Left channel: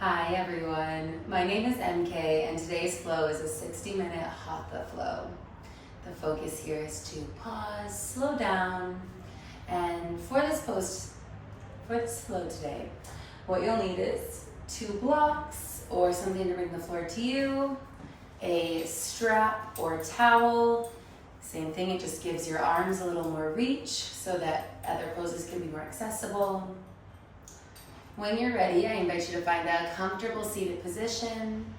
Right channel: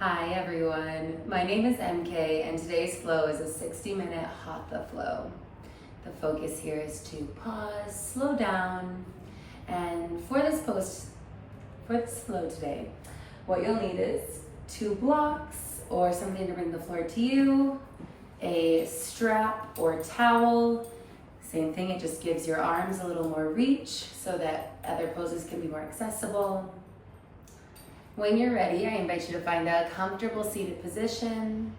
Hi everyone, my name is MK and today's flow is a 60-minute Hatha flow. The focus here is to pause, slow down, and for this flow today, what you'll need is 2 blocks or something to bring the floor to you, a strap or towel. Same thing, it just gives your arms a little more reach so that other poses can be more accessible. When you're ready, I invite you to find a comfortable seated position.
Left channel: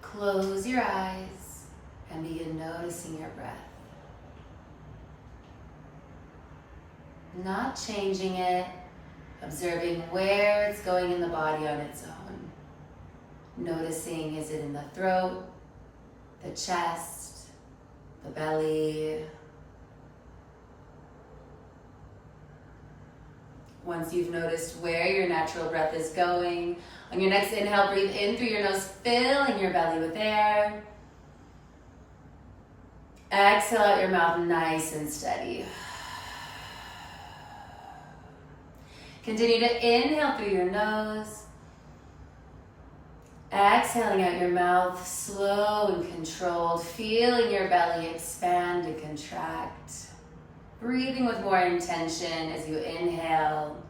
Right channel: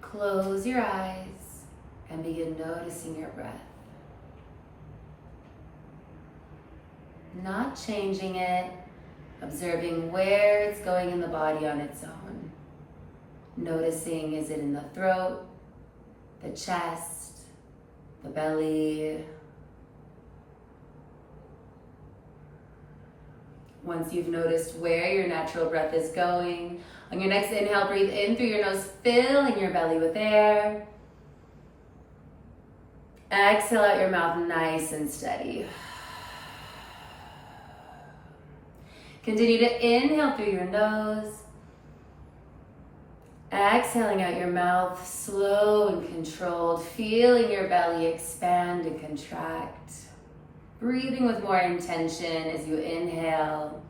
Close your eyes and begin noticing your breath. Not changing it, observing where it's going in the body on its own. Noticing, is it in the throat, the chest, the belly? Once you've noticed where your natural breath is going, on your next inhale, breathe in through your nose, filling your belly with air. Exhale out your mouth, nice and steady. Continue to inhale through your nose. Exhaling out your mouth, slow and controlled, feeling your belly expand and contract. Breathing with more intention as you inhale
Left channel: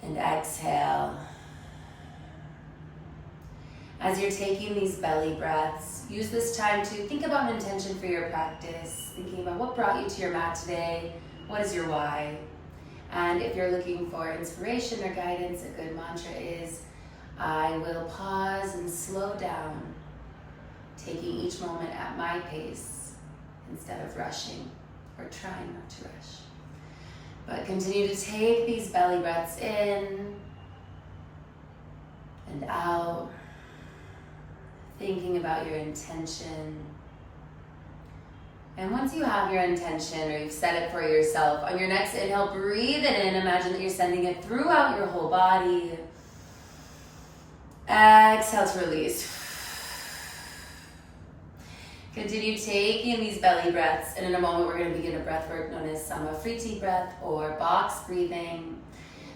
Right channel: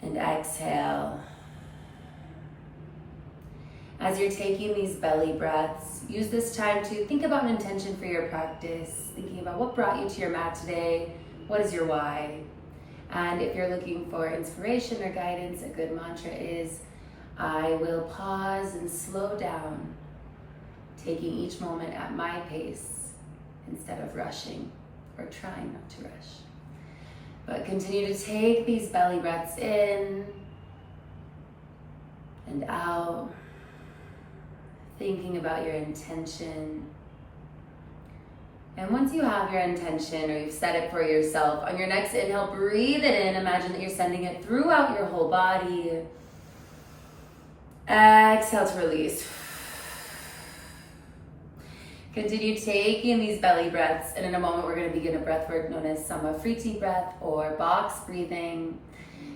and exhale. As you're taking these belly breaths, use this time to think about an intention for your practice, thinking about what brought you to your mat today, what is your why. And if you're looking for inspiration or guidance, a good mantra is, I will pause and slow down, taking each moment at my pace, instead of rushing or trying not to rush. But continue to take these belly breaths in and out, thinking about your intention. And once you have your intention or you've set it for yourself, on your next inhale, breathe it in. Imagine that you're sending it throughout your whole body. Exhale to release. Continue taking these belly breaths, and in a moment we're going to begin a breath work known as Samafriti breath or box breathing.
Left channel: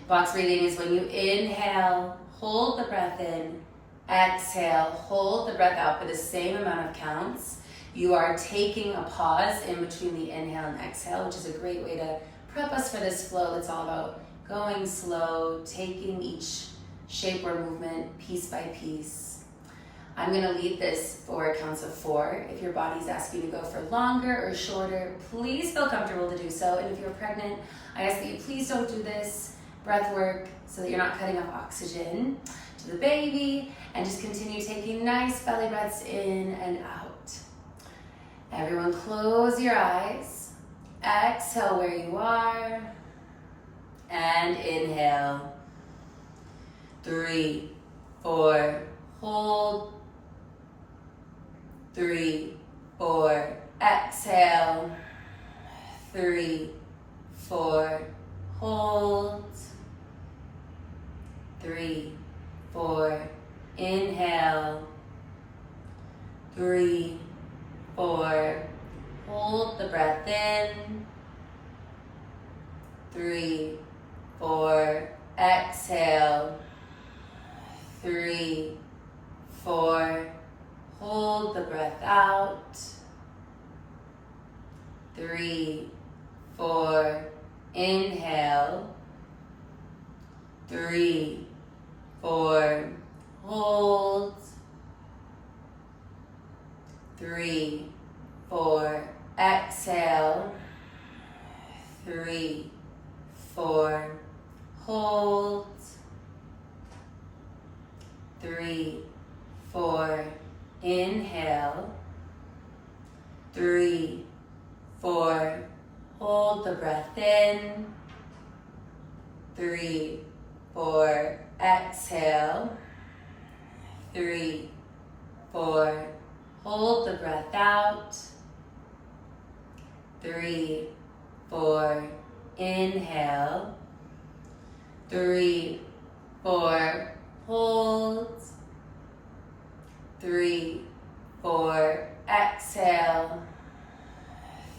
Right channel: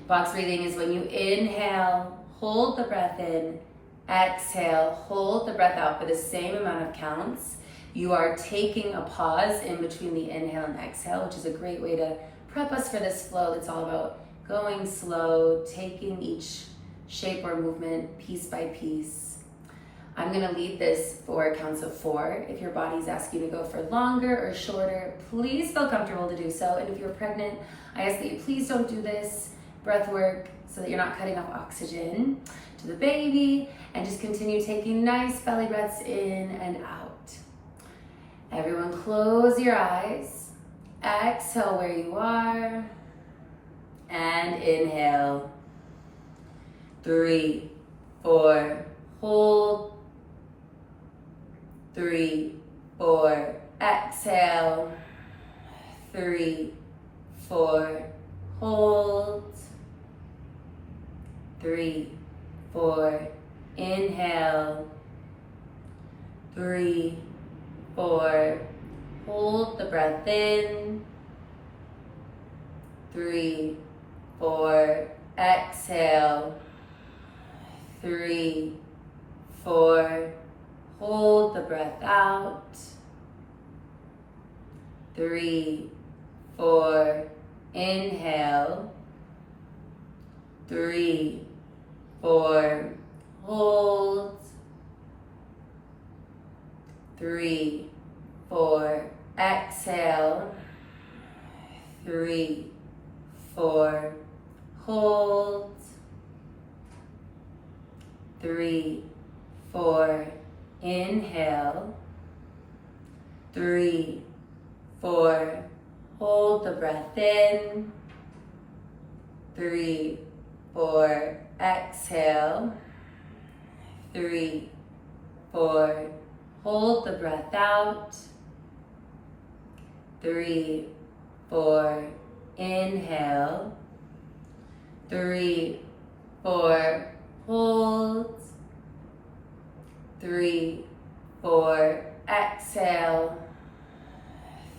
Box breathing is when you inhale, hold the breath in, exhale, hold the breath out for the same amount of counts. You are taking a pause in between the inhale and exhale, which is a great way to prep us for this flow that's all about going slow, taking each shape or movement piece by piece. I'm going to lead this for counts of 4. If your body's asking you to go for longer or shorter, please feel comfortable to do so. And if you're pregnant, I ask that you please don't do this breath work so that you're not cutting off oxygen to the baby, and just continue taking nice belly breaths in and out. Everyone close your eyes. Exhale where you are. And inhale. 3, 4, hold. 3, 4, exhale. 3, 4, hold. 3, 4, inhale. 3, 4, hold the breath in. 3, 4, exhale. 3, 4, hold the breath out. 3, 4, inhale. 3, 4, hold. 3, 4, exhale. 3, 4, hold. 3, 4, inhale. 3, 4, hold the breath in. 3, 4, exhale. 3, 4, hold the breath out. 3, 4, inhale. 3, 4, hold. 3, 4, exhale.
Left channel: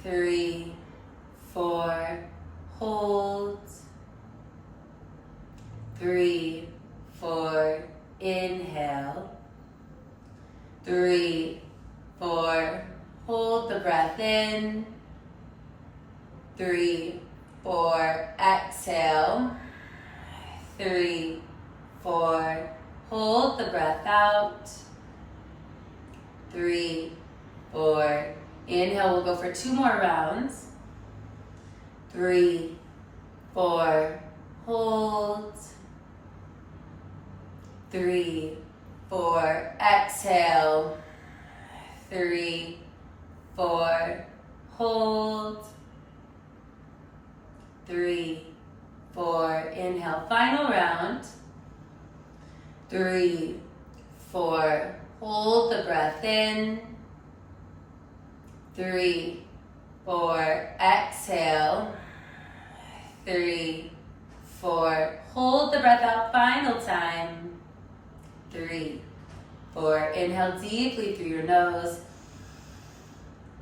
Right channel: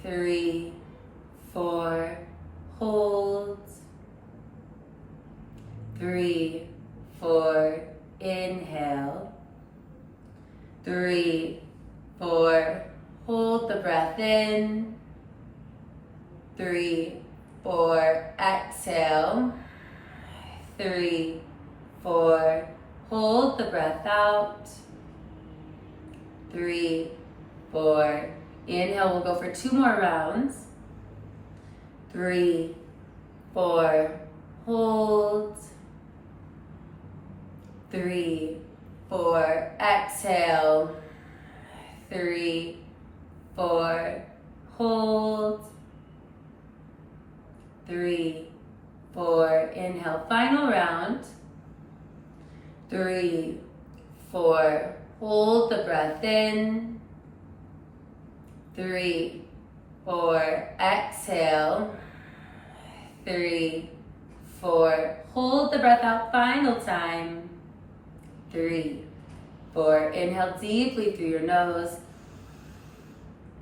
3, 4, hold. 3, 4, inhale. 3, 4, hold the breath in. 3, 4, exhale. 3, 4, hold the breath out. 3, 4, inhale, we'll go for 2 more rounds. 3, 4, hold. 3, 4, exhale. 3, 4, hold. 3, 4, inhale, final round. 3, 4, hold the breath in. 3, 4, exhale. 3, 4, hold the breath out, final time. 3, 4, inhale deeply through your nose.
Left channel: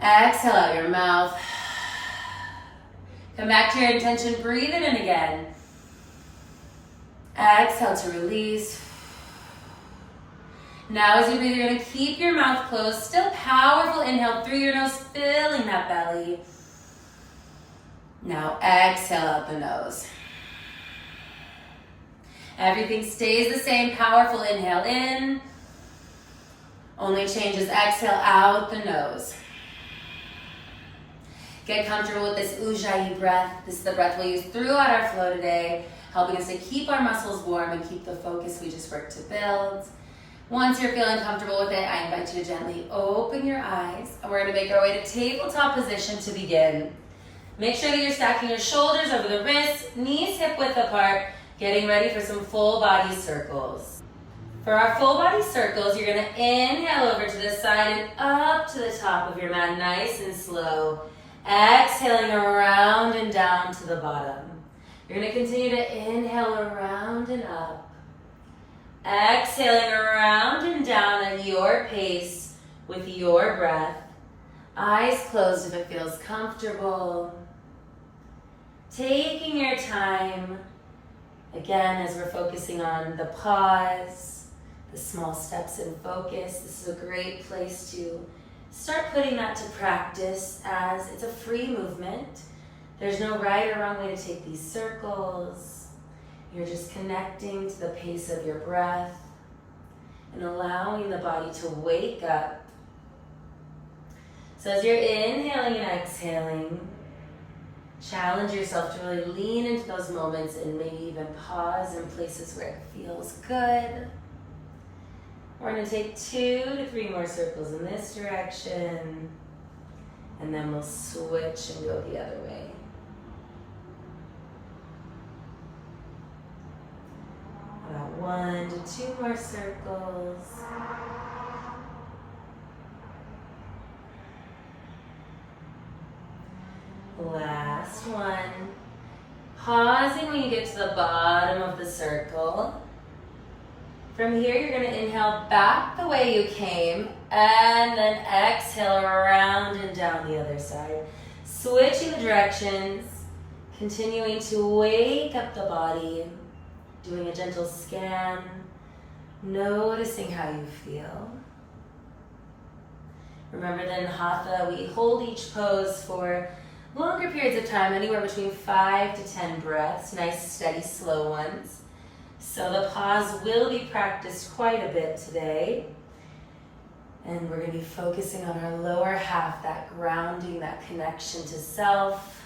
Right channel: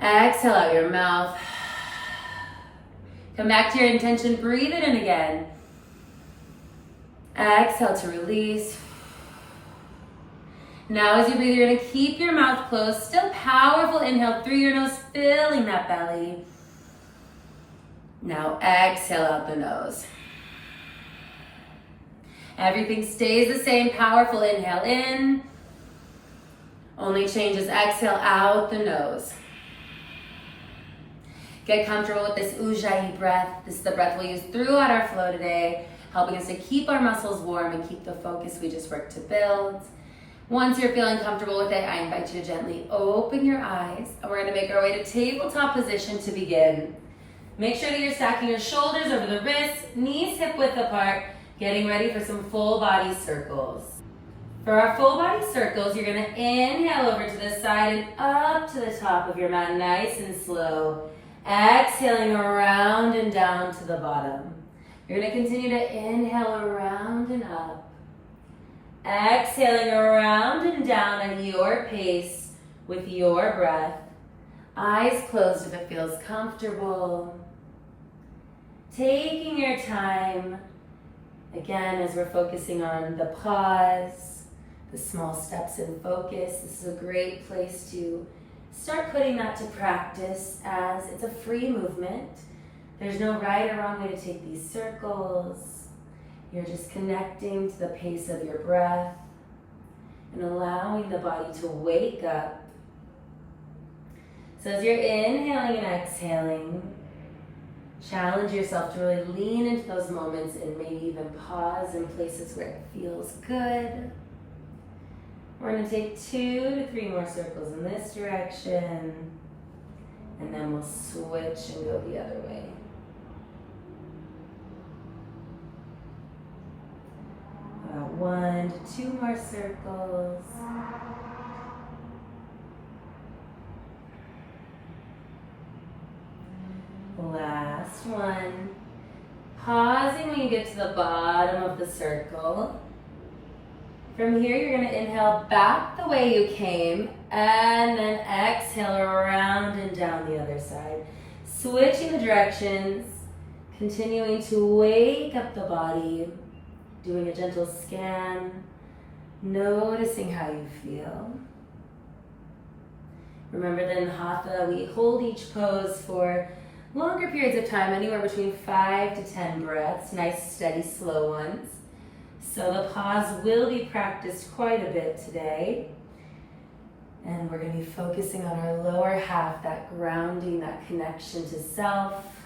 Exhale out your mouth. Come back to your intention, breathe it in again. Exhale to release. Now as you breathe, you're gonna keep your mouth closed. Still powerful inhale through your nose, filling that belly. Now exhale out the nose. Everything stays the same, powerful inhale in. Only changes, exhale out the nose. Get comfortable with this Ujjayi breath. This is the breath we'll use throughout our flow today, helping us to keep our muscles warm and keep the focus we just worked to build. Once you're feeling comfortable with it, I invite you to gently open your eyes, and we're gonna make our way to tabletop position to begin. Make sure that you're stacking your shoulders over the wrists, knees hip width apart, getting ready for some full body circles. For our full body circles, you're gonna inhale over to the side and up to the top of your mat, nice and slow. Exhaling around and down to the bottom. You're gonna continue to inhale around and up. Exhaling around and down at your pace with your breath. Eyes closed if it feels comfortable. Taking your time, again, as we're focusing on the pause, the small steps in focus. This is a great place to start putting that to practice, as it's a free movement. There's no right or wrong way to take these circles. You're just connecting to the pace of your breath and allowing the body to wake up. So as you're inhaling and exhaling, challenge yourself to really lean into those moments and maybe even pause in places where it feels good. We're going to take 2 to 3 more circles in this direction, and then we'll switch and go the other way. About 1 to 2 more circles. Last one. Pausing when you get to the bottom of the circle. From here, you're going to inhale back the way you came, and then exhale around and down the other side. Switching the directions, continuing to wake up the body, doing a gentle scan, noticing how you feel. Remember that in Hatha, we hold each pose for longer periods of time, anywhere between 5 to 10 breaths, nice, steady, slow ones. So the pause will be practiced quite a bit today. And we're going to be focusing on our lower half, that grounding, that connection to self,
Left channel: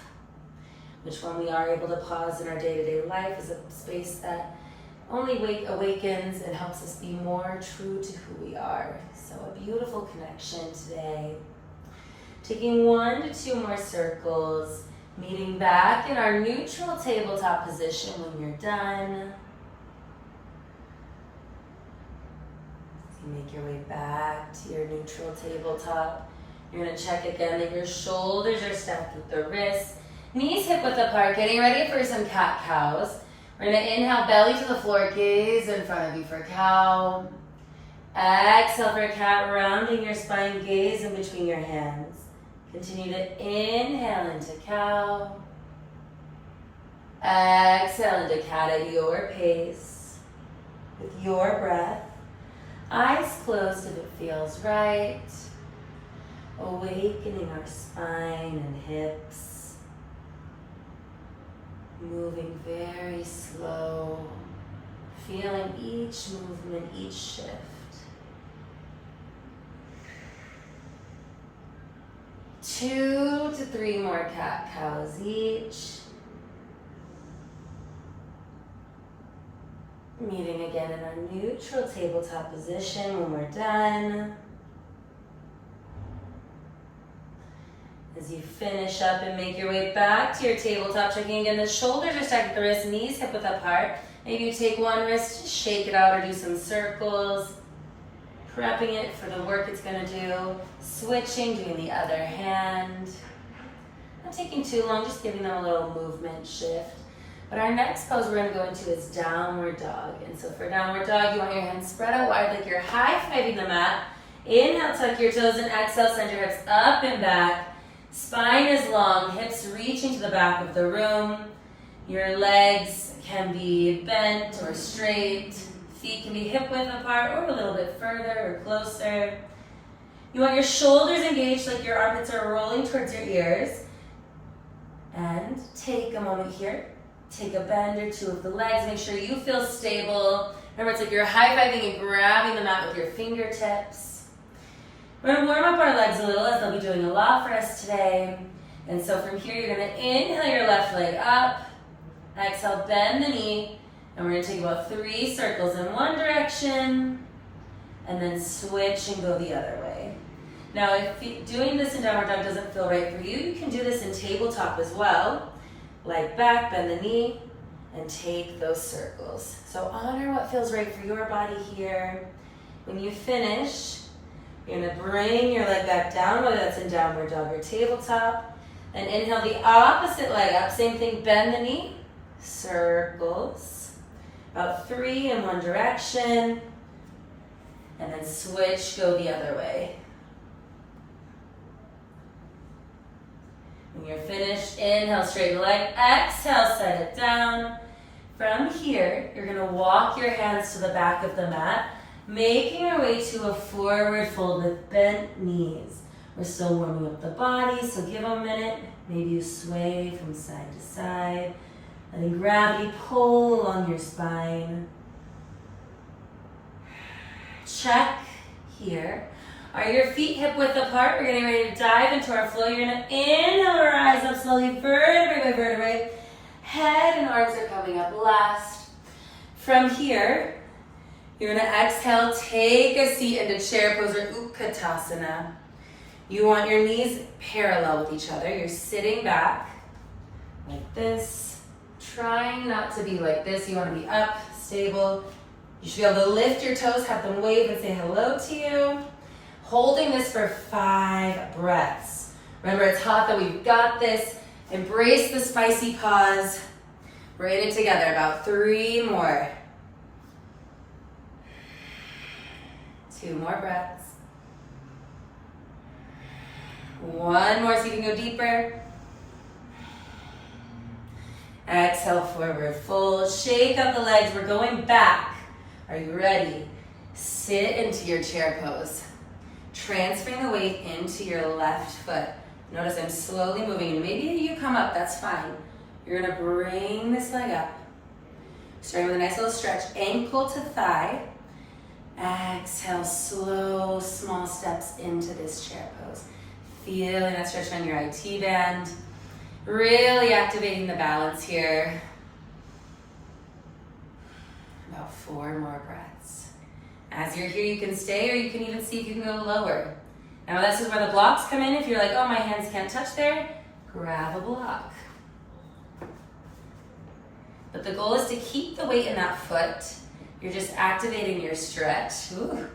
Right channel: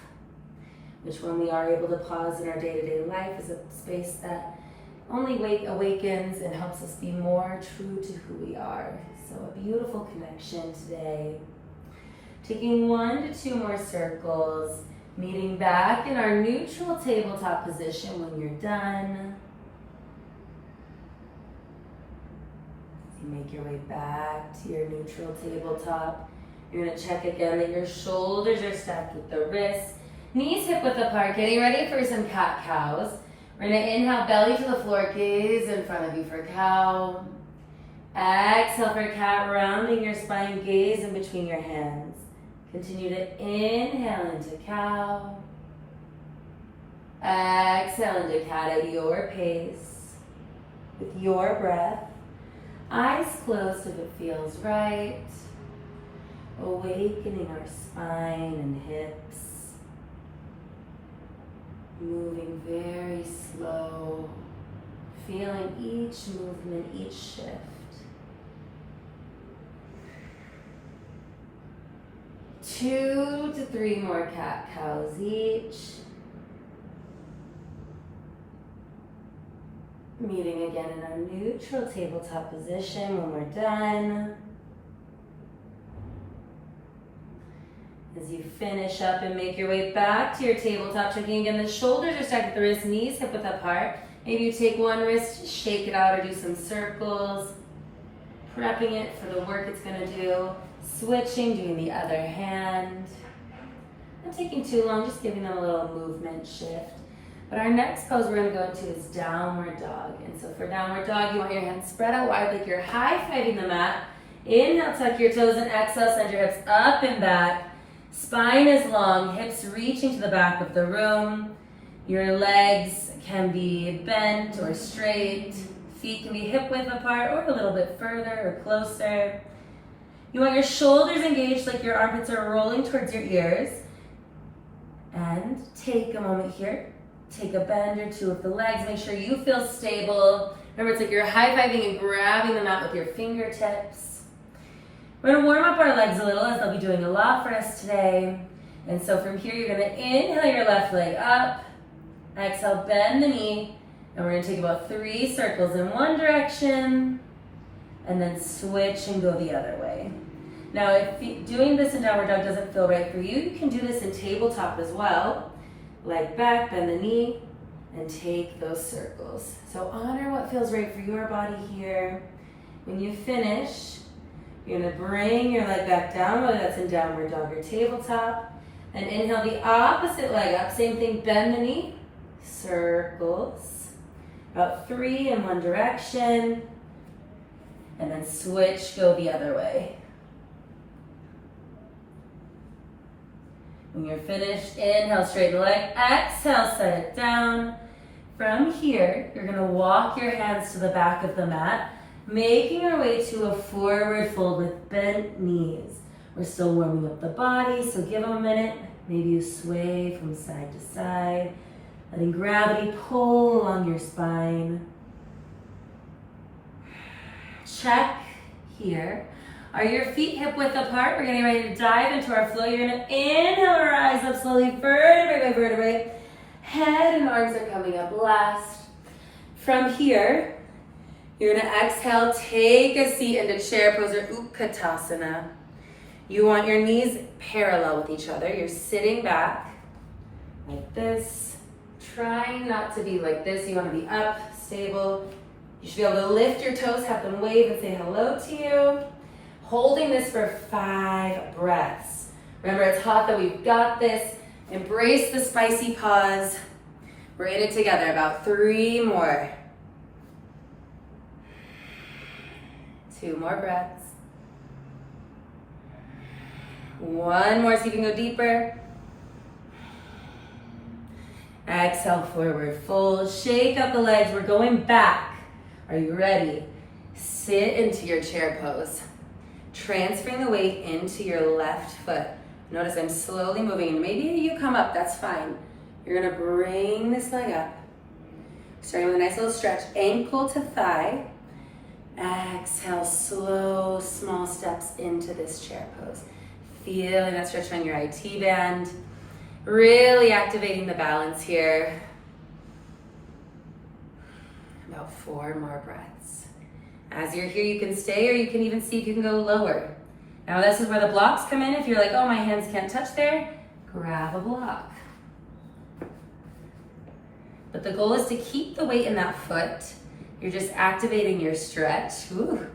which when we are able to pause in our day-to-day life is a space that only awakens and helps us be more true to who we are. So a beautiful connection today. Taking 1 to 2 more circles, meeting back in our neutral tabletop position when you're done. Make your way back to your neutral tabletop. You're going to check again that your shoulders are stacked with the wrists. Knees hip width apart, getting ready for some cat-cows. We're going to inhale, belly to the floor, gaze in front of you for cow. Exhale for cat, rounding your spine, gaze in between your hands. Continue to inhale into cow. Exhale into cat at your pace. with your breath. Eyes closed if it feels right. Awakening our spine and hips. Moving very slow. Feeling each movement, each shift. Two to three more cat-cows each. Meeting again in our neutral tabletop position when we're done. As you finish up and make your way back to your tabletop, checking again, the shoulders are stacked with the wrists, knees hip width apart. Maybe you take one wrist, shake it out, or do some circles. Prepping it for the work it's gonna do. Switching, doing the other hand. Not taking too long, just giving them a little movement shift. But our next pose we're gonna go into is downward dog. And so for downward dog, you want your hands spread out wide like you're high-fiving the mat. Inhale, tuck your toes, and exhale, send your hips up and back. Spine is long, hips reaching to the back of the room. Your legs can be bent or straight. Feet can be hip width apart or a little bit further or closer. You want your shoulders engaged like your armpits are rolling towards your ears. And take a moment here. Take a bend or two of the legs. Make sure you feel stable. Remember, it's like you're high-fiving and grabbing the mat with your fingertips. We're gonna warm up our legs a little, as they'll be doing a lot for us today. And so from here, you're gonna inhale your left leg up. Exhale, bend the knee. And we're gonna take about 3 circles in one direction. And then switch and go the other way. Now, if doing this in downward dog doesn't feel right for you, you can do this in tabletop as well. Leg back, bend the knee, and take those circles. So honor what feels right for your body here. When you finish, you're gonna bring your leg back down, whether that's in downward dog or tabletop. And inhale the opposite leg up. Same thing, bend the knee, circles. About 3 in one direction. And then switch, go the other way. When you're finished, inhale, straighten the leg. Exhale, set it down. From here, you're gonna walk your hands to the back of the mat, making our way to a forward fold with bent knees. We're still warming up the body, so give a minute. Maybe you sway from side to side. Letting gravity pull along your spine. Check here. Are your feet hip width apart? We're getting ready to dive into our flow. You're gonna inhale, rise up slowly, vertebrae by vertebrae. Head and arms are coming up last. From here, you're gonna exhale, take a seat into chair pose or Utkatasana. You want your knees parallel with each other. You're sitting back like this. Trying not to be like this. You wanna be up, stable. You should be able to lift your toes, have them wave and say hello to you. Holding this for 5 breaths. Remember, it's Hatha, we've got this. Embrace the spicy pause. We're in it together, about 3 more. 2 more breaths. 1 more so you can go deeper. Exhale, forward fold. Shake up the legs, we're going back. Are you ready? Sit into your chair pose. Transferring the weight into your left foot. Notice I'm slowly moving, and maybe you come up, that's fine. You're gonna bring this leg up. Starting with a nice little stretch, ankle to thigh. Exhale, slow, small steps into this chair pose. Feeling that stretch on your IT band. Really activating the balance here. About 4 more breaths. As you're here, you can stay, or you can even see if you can go lower. Now this is where the blocks come in. If you're like, oh, my hands can't touch there, grab a block. But the goal is to keep the weight in that foot. You're just activating your stretch. Ooh.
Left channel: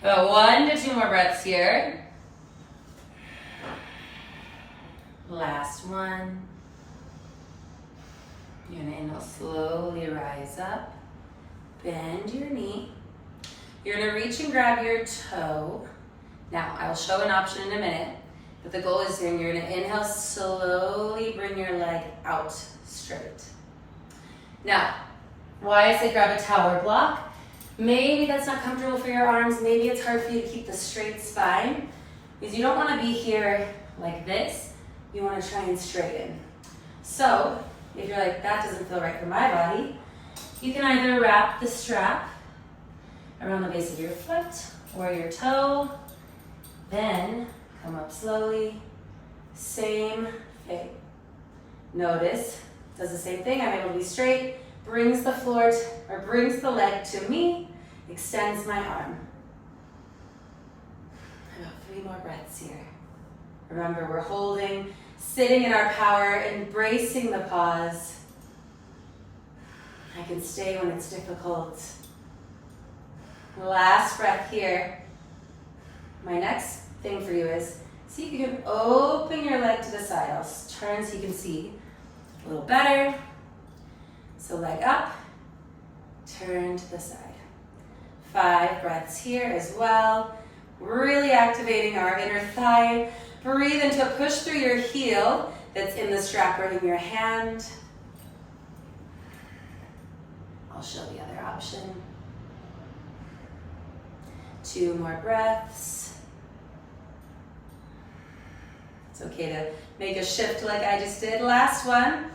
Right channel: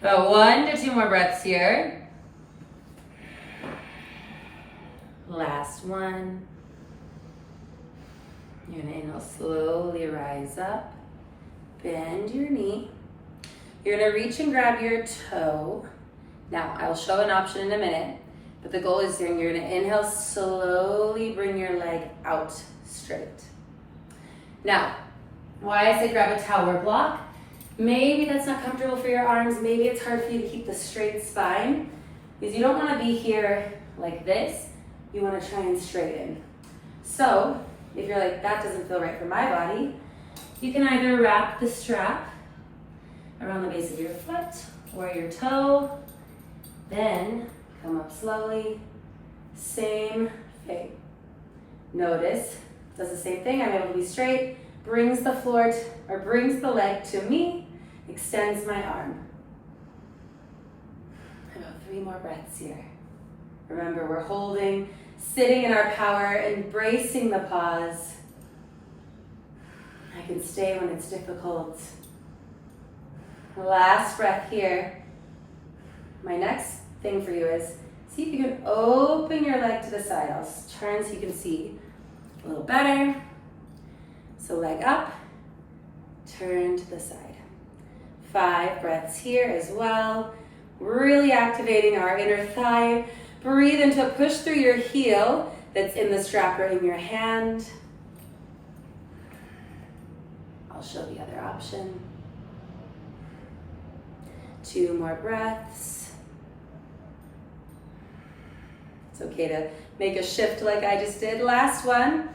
About 1 to 2 more breaths here. Last one. You're gonna inhale, slowly rise up. Bend your knee. You're gonna reach and grab your toe. Now, I'll show an option in a minute, but the goal is you're gonna inhale, slowly bring your leg out straight. Now, why I say grab a tower block, Maybe that's not comfortable for your arms. Maybe it's hard for you to keep the straight spine because you don't want to be here like this. You want to try and straighten. So if you're like, that doesn't feel right for my body, you can either wrap the strap around the base of your foot or your toe, then come up slowly, same thing. Notice, does the same thing. I'm able to be straight, brings the floor or brings the leg to me, extends my arm. About 3 more breaths here. Remember, we're holding, sitting in our power, embracing the pause. I can stay when it's difficult. Last breath here. My next thing for you is see if you can open your leg to the side. I'll turn so you can see a little better. So leg up, turn to the side. 5 breaths here as well. Really activating our inner thigh. Breathe into push through your heel that's in the strap or in your hand. I'll show the other option. 2 more breaths. It's okay to make a shift like I just did. Last one.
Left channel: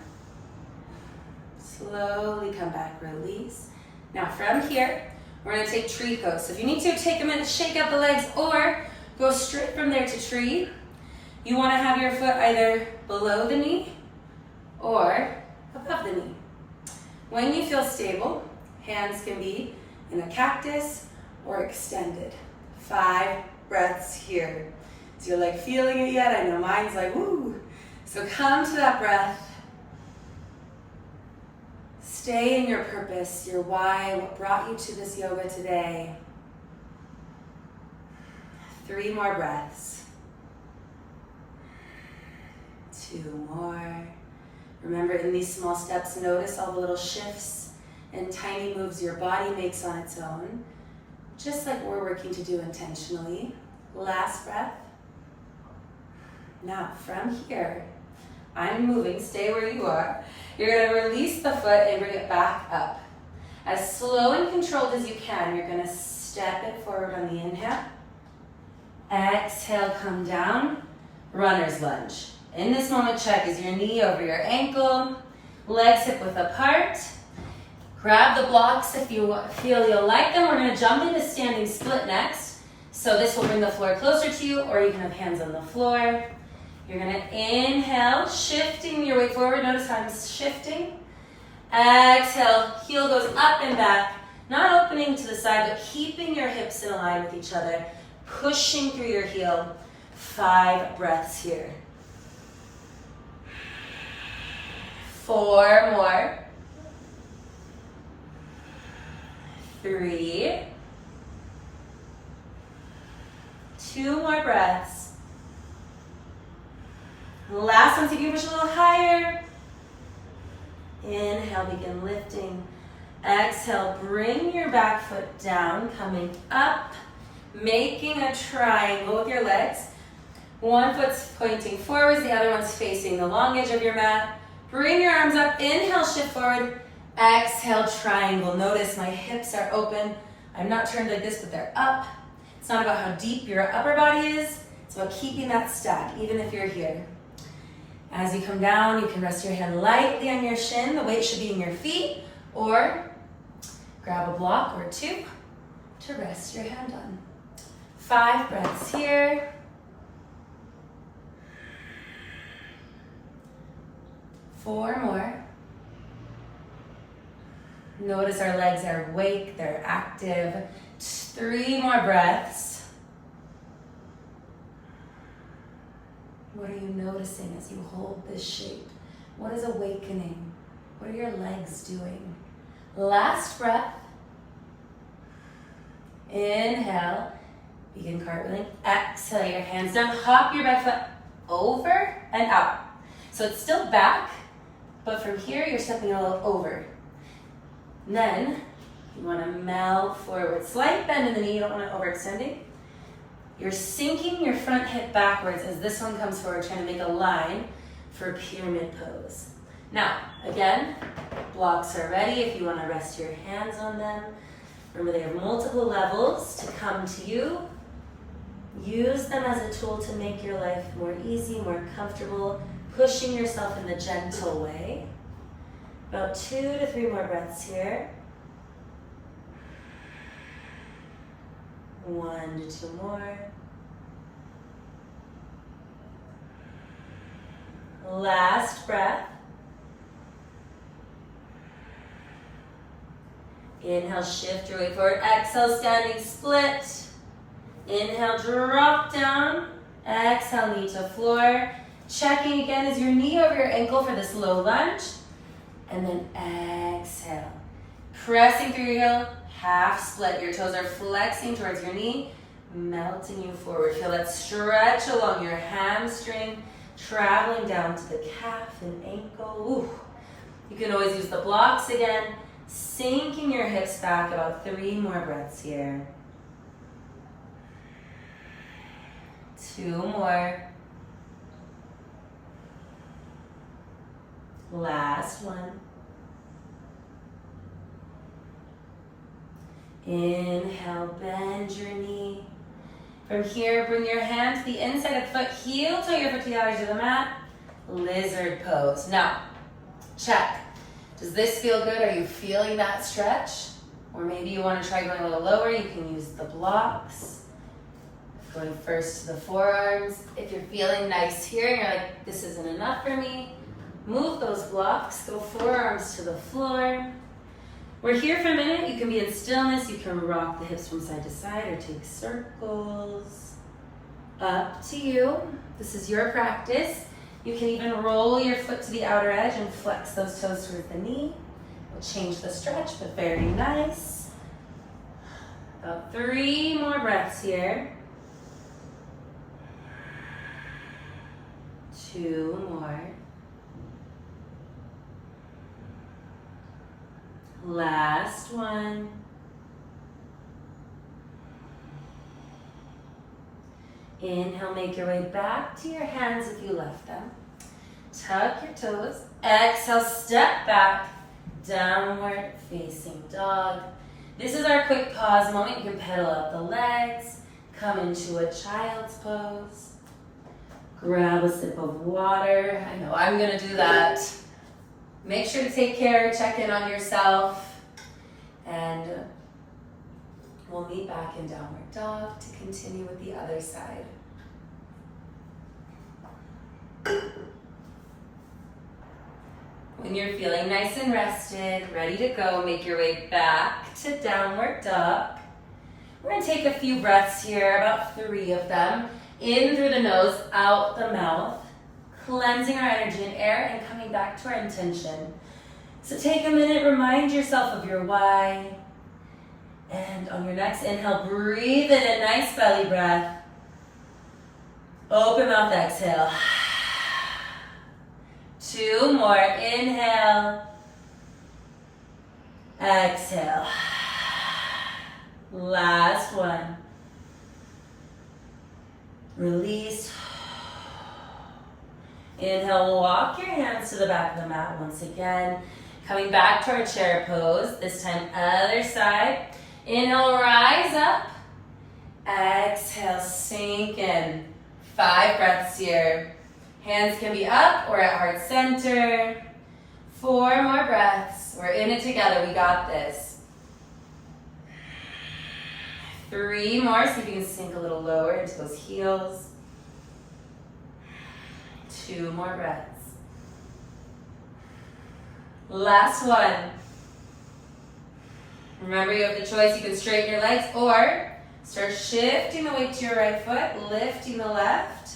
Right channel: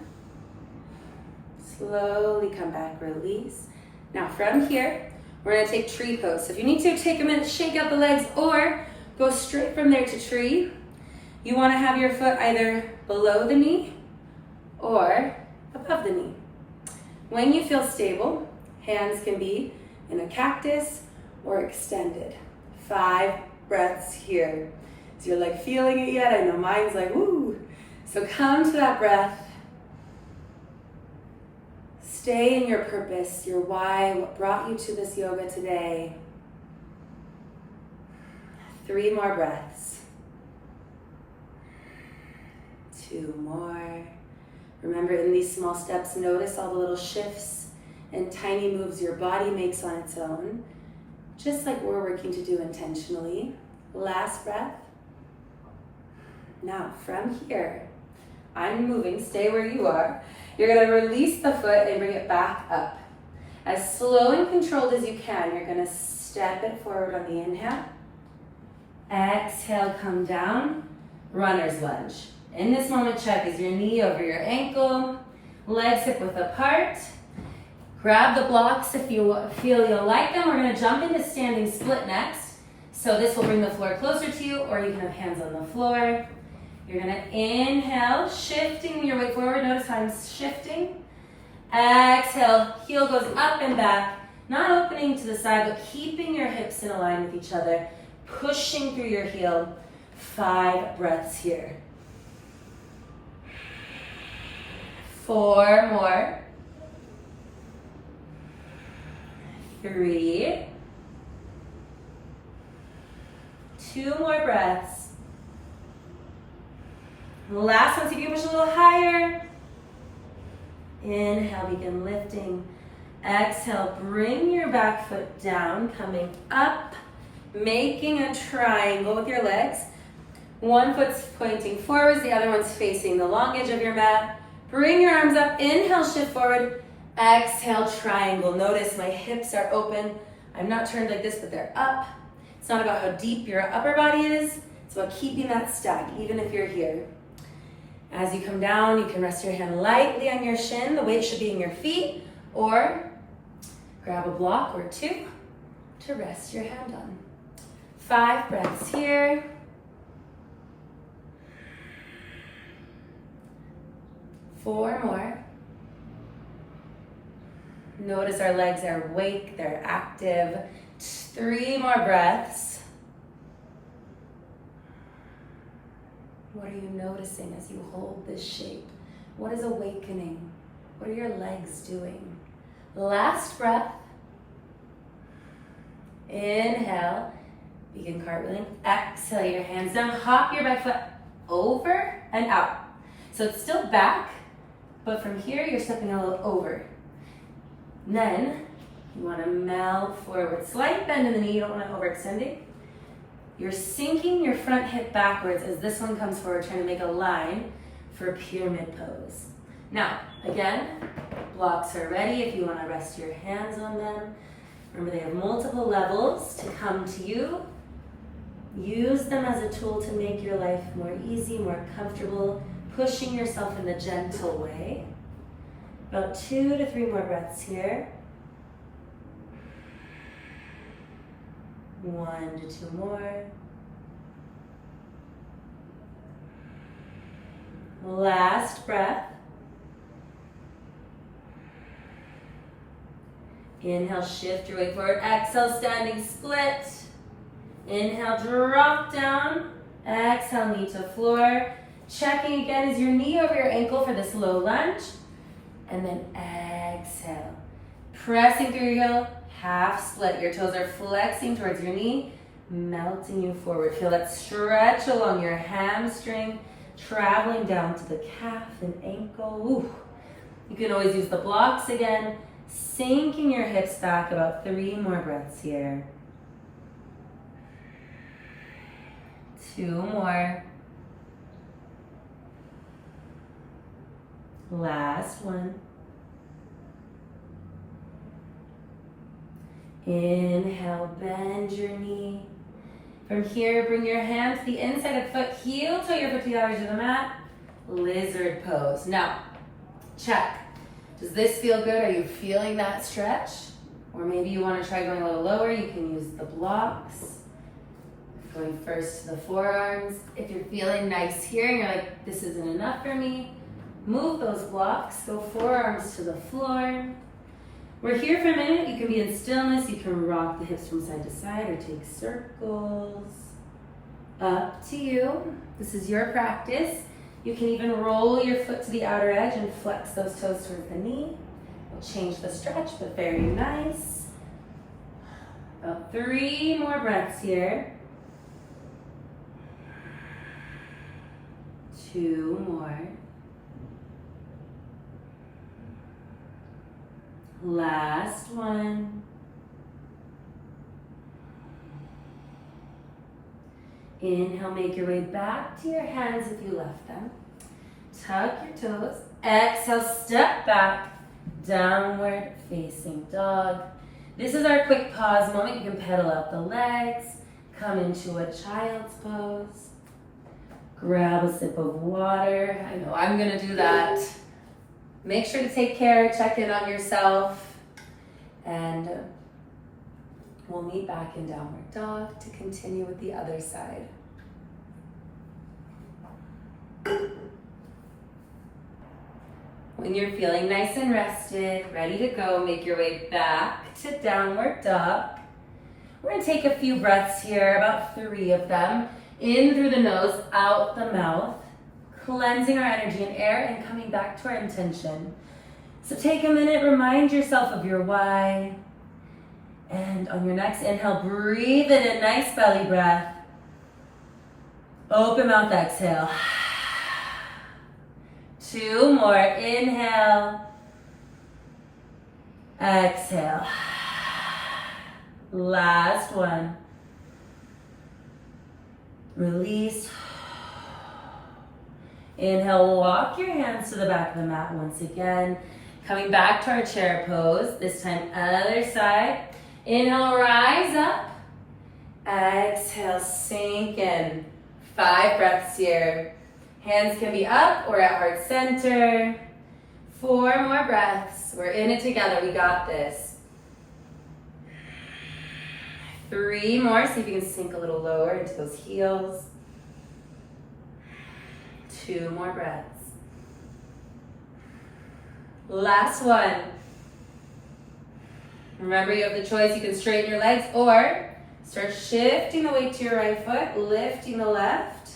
Slowly come back, release. Now from here, we're gonna take tree pose. So if you need to, take a minute, shake out the legs, or go straight from there to tree. You wanna have your foot either below the knee or above the knee. When you feel stable, hands can be in a cactus or extended. 5 breaths here. Is your leg feeling it yet? I know mine's like, woo. So come to that breath. Stay in your purpose, your why, what brought you to this yoga today. 3 more breaths. 2 more. Remember, in these small steps, notice all the little shifts and tiny moves your body makes on its own, just like we're working to do intentionally. Last breath. Now, from here, I'm moving, stay where you are. You're gonna release the foot and bring it back up. As slow and controlled as you can, you're gonna step it forward on the inhale. Exhale, come down, runner's lunge. In this moment, check, is your knee over your ankle, legs hip width apart. Grab the blocks if you feel you'll like them. We're gonna jump into standing split next. So this will bring the floor closer to you, or you can have hands on the floor. You're gonna inhale, shifting your weight forward. Notice how I'm shifting. Exhale, heel goes up and back, not opening to the side, but keeping your hips in line with each other, pushing through your heel. 5 breaths here. 4 more. 3. 2 more breaths. Last one, so you can push a little higher. Inhale, begin lifting. Exhale, bring your back foot down, coming up, making a triangle with your legs. One foot's pointing forwards, the other one's facing the long edge of your mat. Bring your arms up, inhale, shift forward. Exhale, triangle. Notice my hips are open. I'm not turned like this, but they're up. It's not about how deep your upper body is. It's about keeping that stack, even if you're here. As you come down, you can rest your hand lightly on your shin. The weight should be in your feet, or grab a block or 2 to rest your hand on. 5 breaths here. 4 more. Notice our legs are awake, they're active. 3 more breaths. What are you noticing as you hold this shape? What is awakening? What are your legs doing? Last breath. Inhale, begin cartwheeling. Exhale, your hands down. Hop your back foot over and out. So it's still back, but from here, you're stepping a little over. And then, you want to melt forward. Slight bend in the knee, you don't want to overextend it. You're sinking your front hip backwards as this one comes forward, trying to make a line for a pyramid pose. Now, again, blocks are ready if you want to rest your hands on them. Remember, they have multiple levels to come to you. Use them as a tool to make your life more easy, more comfortable, pushing yourself in a gentle way. About 2 to 3 more breaths here. 1 to 2 more. Last breath. Inhale, shift your weight forward. Exhale, standing split. Inhale, drop down. Exhale, knee to floor. Checking again is your knee over your ankle for this low lunge. And then exhale. Pressing through your heel, half split. Your toes are flexing towards your knee, melting you forward. Feel that stretch along your hamstring, traveling down to the calf and ankle. Ooh. You can always use the blocks again, sinking your hips back. About 3 more breaths here. 2 more. Last one. Inhale, bend your knee. From here, bring your hand to the inside of the foot, heel toe your foot together to the mat. Lizard pose. Now, check. Does this feel good? Are you feeling that stretch? Or maybe you want to try going a little lower. You can use the blocks. Going first to the forearms. If you're feeling nice here and you're like, this isn't enough for me, move those blocks. Go forearms to the floor. We're here for a minute. You can be in stillness. You can rock the hips from side to side or take circles. Up to you. This is your practice. You can even roll your foot to the outer edge and flex those toes towards the knee. We'll change the stretch, but very nice. About 3 more breaths here. 2 more. Last one. Inhale, make your way back to your hands if you left them. Tuck your toes. Exhale, step back. Downward facing dog. This is our quick pause moment. You can pedal out the legs. Come into a child's pose. Grab a sip of water. I know I'm gonna do that. Make sure to take care, check in on yourself, and we'll meet back in downward dog to continue with the other side. When you're feeling nice and rested, ready to go, make your way back to downward dog. We're gonna take a few breaths here, about 3 of them. In through the nose, out the mouth. Cleansing our energy and air and coming back to our intention. So take a minute, remind yourself of your why. And on your next inhale, breathe in a nice belly breath. Open mouth, exhale. 2 more, inhale. Exhale. Last one. Release. Inhale, walk your hands to the back of the mat once again. Coming back to our chair pose, this time other side. Inhale, rise up. Exhale, sink in. 5 breaths here. Hands can be up or at heart center. 4 more breaths. We're in it together, we got this. 3 more, see if you can sink a little lower into those heels. 2 more breaths. Last one. Remember, you have the choice. You can straighten your legs or start shifting the weight to your right foot, lifting the left,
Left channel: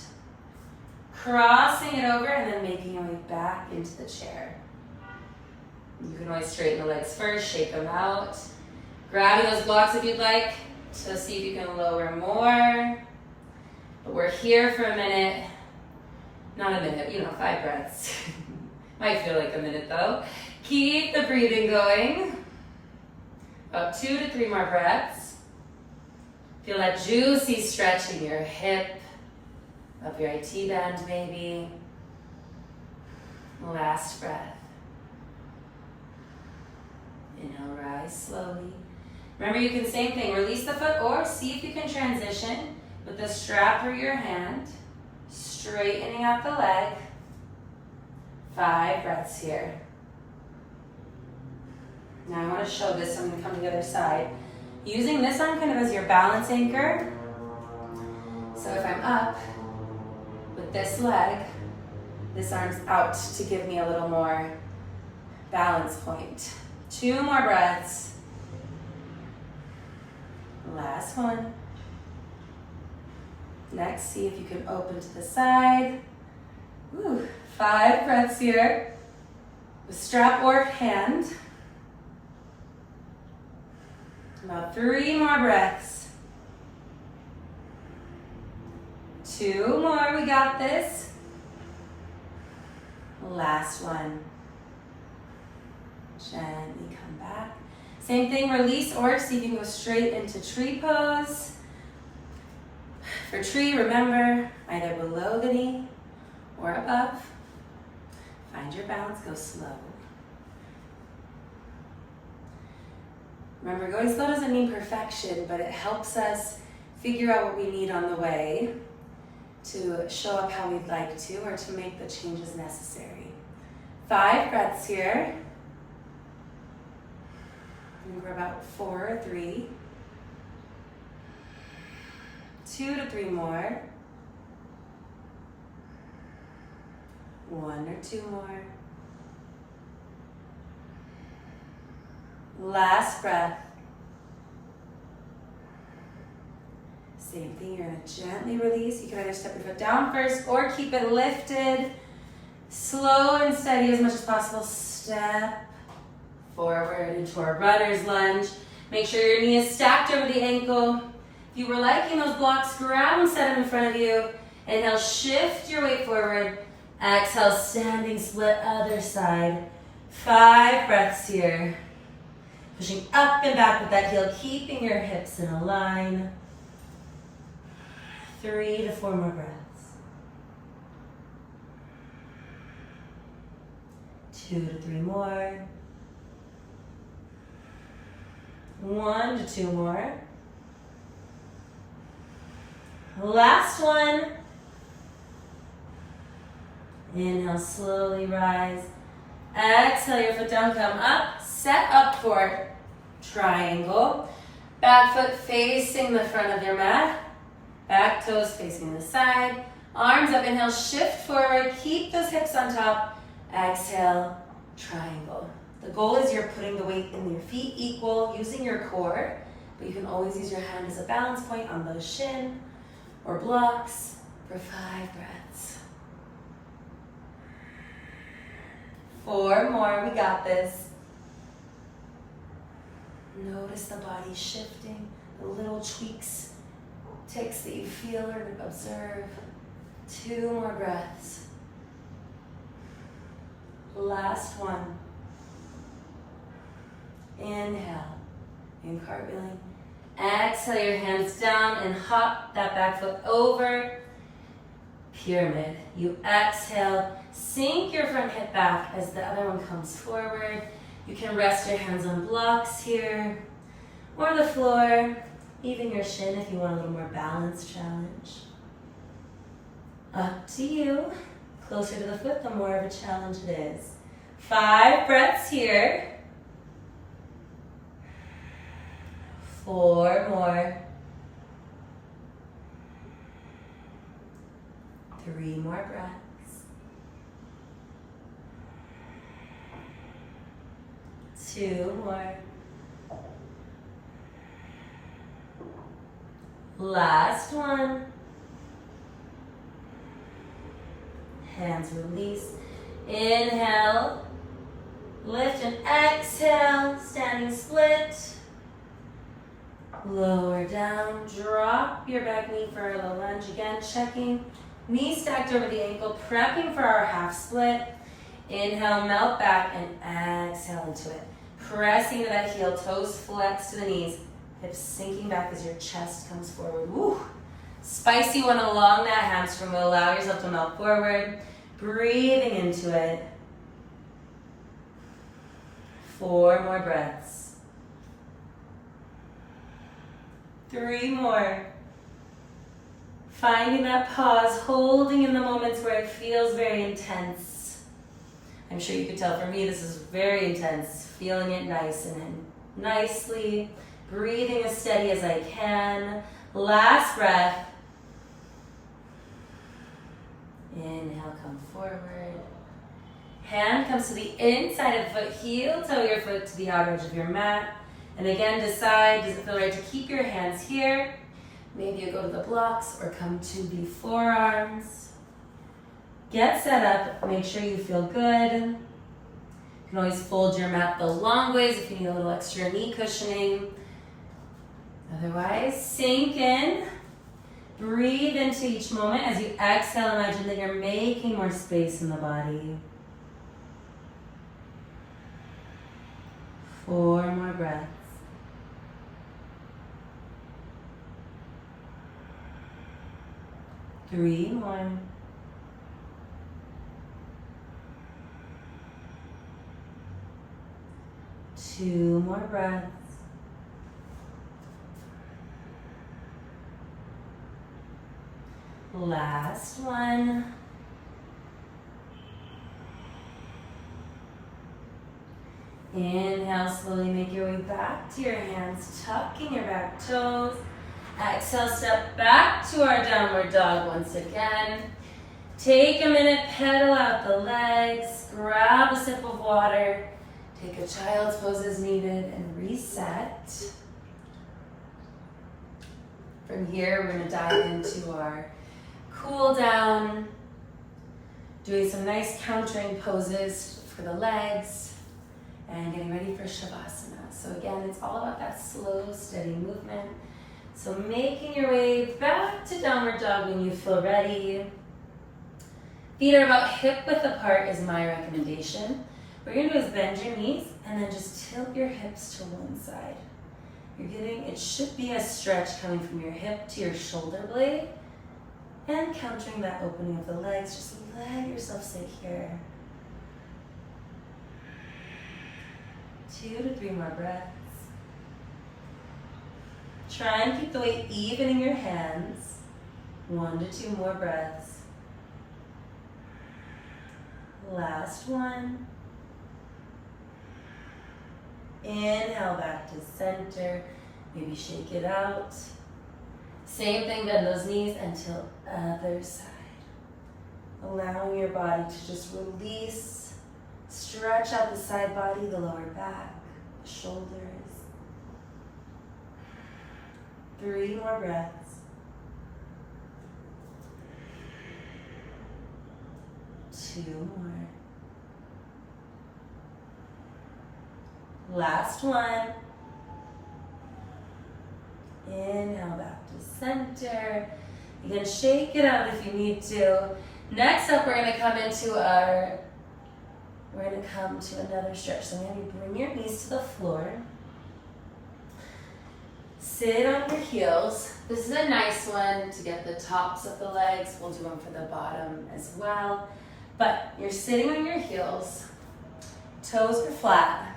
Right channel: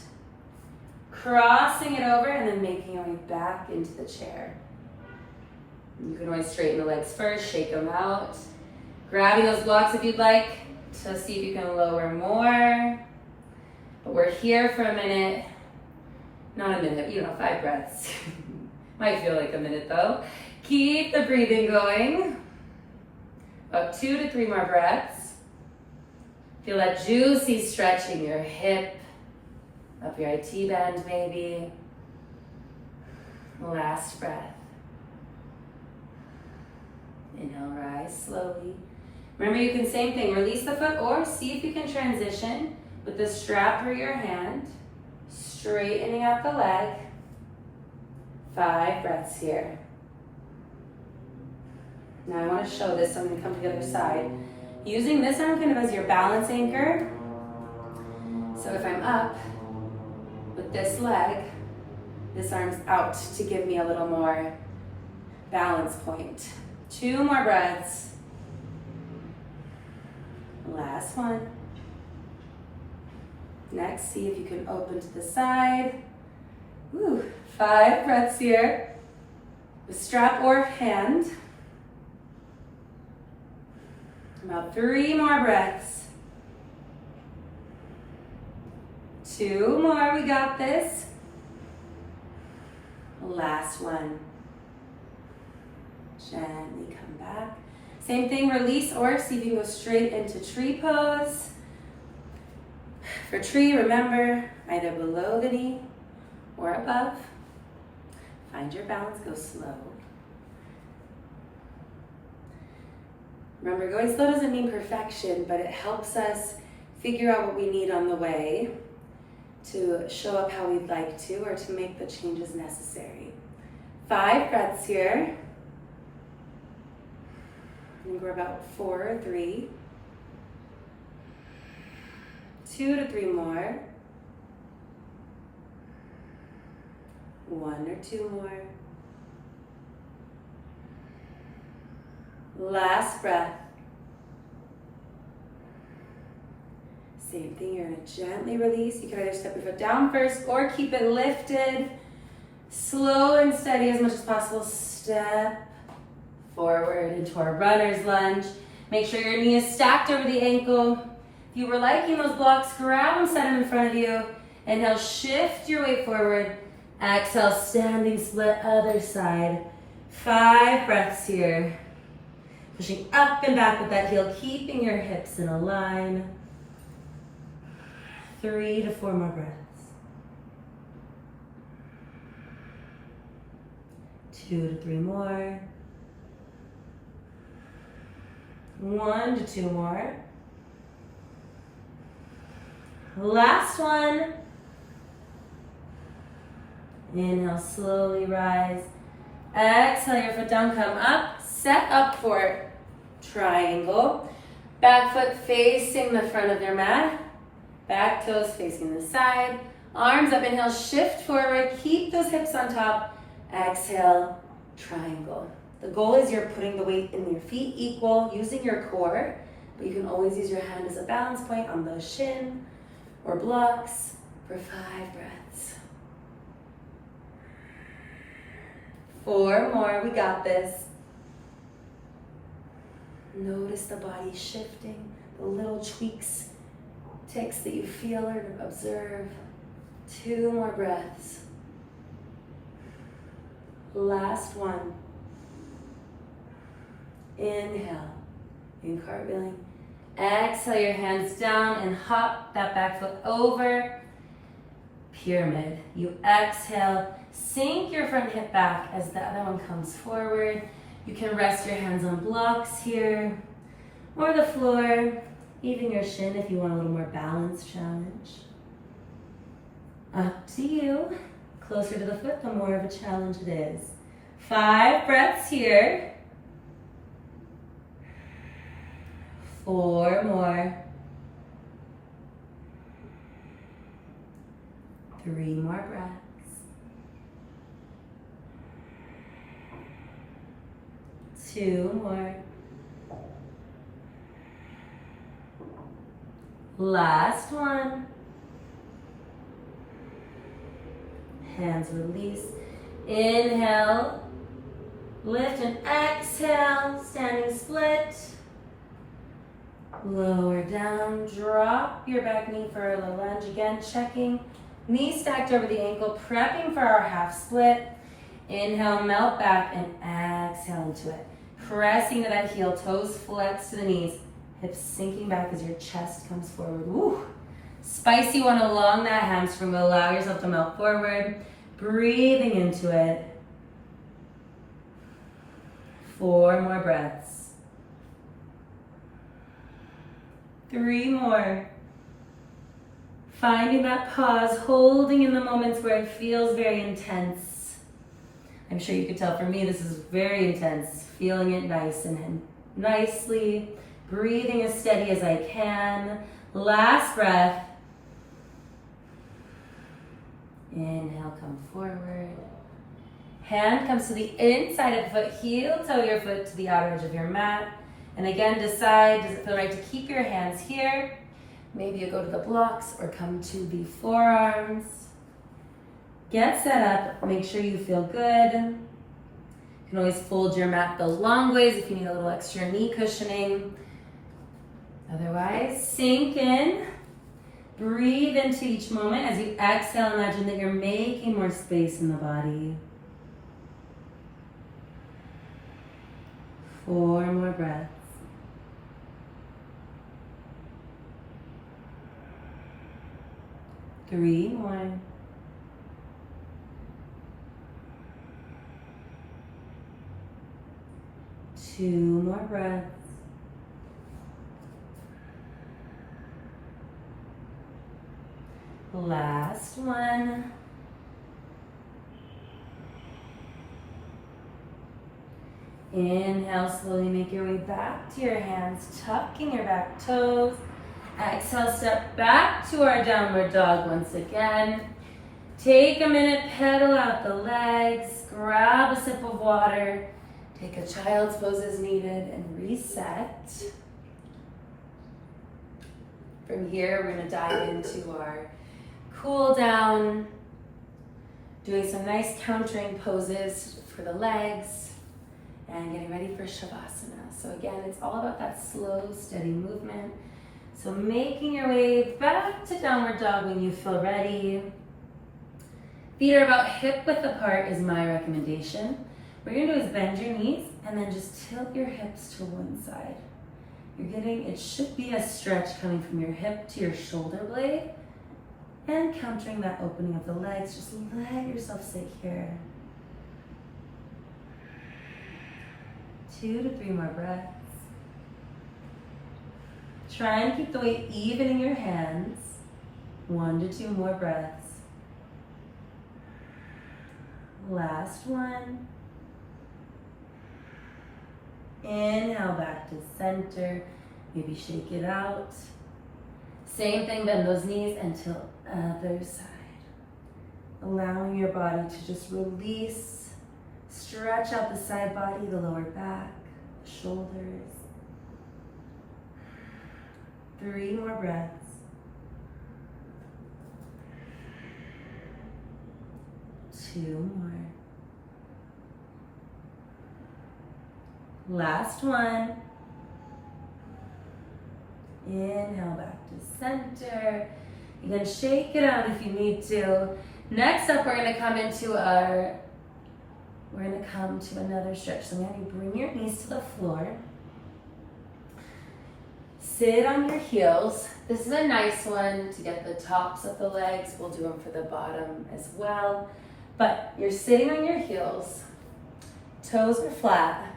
crossing it over, and then making your way back into the chair. You can always straighten the legs first, shake them out. Grabbing those blocks if you'd like to see if you can lower more. But we're here for a minute. Not a minute, 5 breaths. Might feel like a minute though. Keep the breathing going. About 2 to 3 more breaths. Feel that juicy stretch in your hip, up your IT band maybe. Last breath. Inhale, rise slowly. Remember, you can same thing, release the foot or see if you can transition with the strap or your hand, straightening out the leg. 5 breaths here. Now I want to show this, so I'm going to come to the other side. Using this arm kind of as your balance anchor. So if I'm up with this leg, this arm's out to give me a little more balance point. 2 more breaths. Last one. Next, see if you can open to the side. Ooh, 5 breaths here. The strap or hand. About 3 more breaths. 2 more, we got this. Last one. Gently come back. Same thing, release or see if you can go straight into tree pose. For tree, remember, either below the knee or above. Find your balance, go slow. Remember, going slow doesn't mean perfection, but it helps us figure out what we need on the way to show up how we'd like to or to make the changes necessary. 5 breaths here. I think we're about 4 or 3. 2 to 3 more. 1 or 2 more. Last breath. Same thing, you're gonna gently release. You can either step your foot down first or keep it lifted. Slow and steady as much as possible. Step forward into our runner's lunge. Make sure your knee is stacked over the ankle. If you were liking those blocks, grab them, set them in front of you. Inhale, shift your weight forward. Exhale, standing split, other side. 5 breaths here. Pushing up and back with that heel, keeping your hips in a line. 3 to 4 more breaths. 2 to 3 more. 1 to 2 more. Last one. Inhale, slowly rise. Exhale, your foot down, come up. Set up for triangle. Back foot facing the front of your mat. Back toes facing the side. Arms up, inhale, shift forward. Keep those hips on top. Exhale, triangle. The goal is you're putting the weight in your feet equal, using your core, but you can always use your hand as a balance point on the shin or blocks for 5 breaths. 4 more, we got this. Notice the body shifting, the little tweaks, ticks that you feel or observe. 2 more breaths. Last one. Inhale, in cartwheeling. Exhale your hands down and hop that back foot over. Pyramid. You exhale, sink your front hip back as the other one comes forward. You can rest your hands on blocks here or the floor, even your shin if you want a little more balance challenge. Up to you. Closer to the foot, the more of a challenge it is. 5 breaths here. 4 more. 3 more breaths. 2 more. Last one. Hands release. Inhale. Lift and exhale. Standing split. Lower down. Drop your back knee for a low lunge. Again, checking. Knee stacked over the ankle. Prepping for our half split. Inhale, melt back and exhale into it. Pressing to that heel. Toes flex to the knees. Hips sinking back as your chest comes forward. Woo! Spicy one along that hamstring will allow yourself to melt forward. Breathing into it. 4 more breaths. 3 more. Finding that pause, holding in the moments where it feels very intense. I'm sure you could tell for me this is very intense, feeling it nice and nicely, breathing as steady as I can. Last breath. Inhale, come forward. Hand comes to the inside of the foot, heel toe your foot to the outer edge of your mat. And again, decide, does it feel right to keep your hands here? Maybe you go to the blocks or come to the forearms. Get set up, make sure you feel good. You can always fold your mat the long ways if you need a little extra knee cushioning. Otherwise, sink in. Breathe into each moment. As you exhale, imagine that you're making more space in the body. 4 more breaths. 3 more. 2 more breaths. Last one. Inhale, slowly make your way back to your hands, tucking your back toes. Exhale, step back to our downward dog once again. Take a minute, pedal out the legs, grab a sip of water, take a child's pose as needed, and reset. From here, we're gonna dive into our cool down, doing some nice countering poses for the legs, and getting ready for Savasana. So again, it's all about that slow, steady movement. So making your way back to downward dog when you feel ready. Feet are about hip width apart is my recommendation. What you're gonna do is bend your knees and then just tilt your hips to one side. It should be a stretch coming from your hip to your shoulder blade and countering that opening of the legs. Just let yourself sit here. 2 to 3 more breaths. Try and keep the weight even in your hands. 1 to 2 more breaths. Last one. Inhale back to center. Maybe shake it out. Same thing, bend those knees until other side. Allowing your body to just release. Stretch out the side body, the lower back, shoulders. 3 more breaths. 2 more. Last one. Inhale back to center. You can shake it out if you need to. Next up, we're gonna come to another stretch. So I'm gonna bring your knees to the floor. Sit on your heels. This is a nice one to get the tops of the legs. We'll do them for the bottom as well. But you're sitting on your heels. Toes are flat.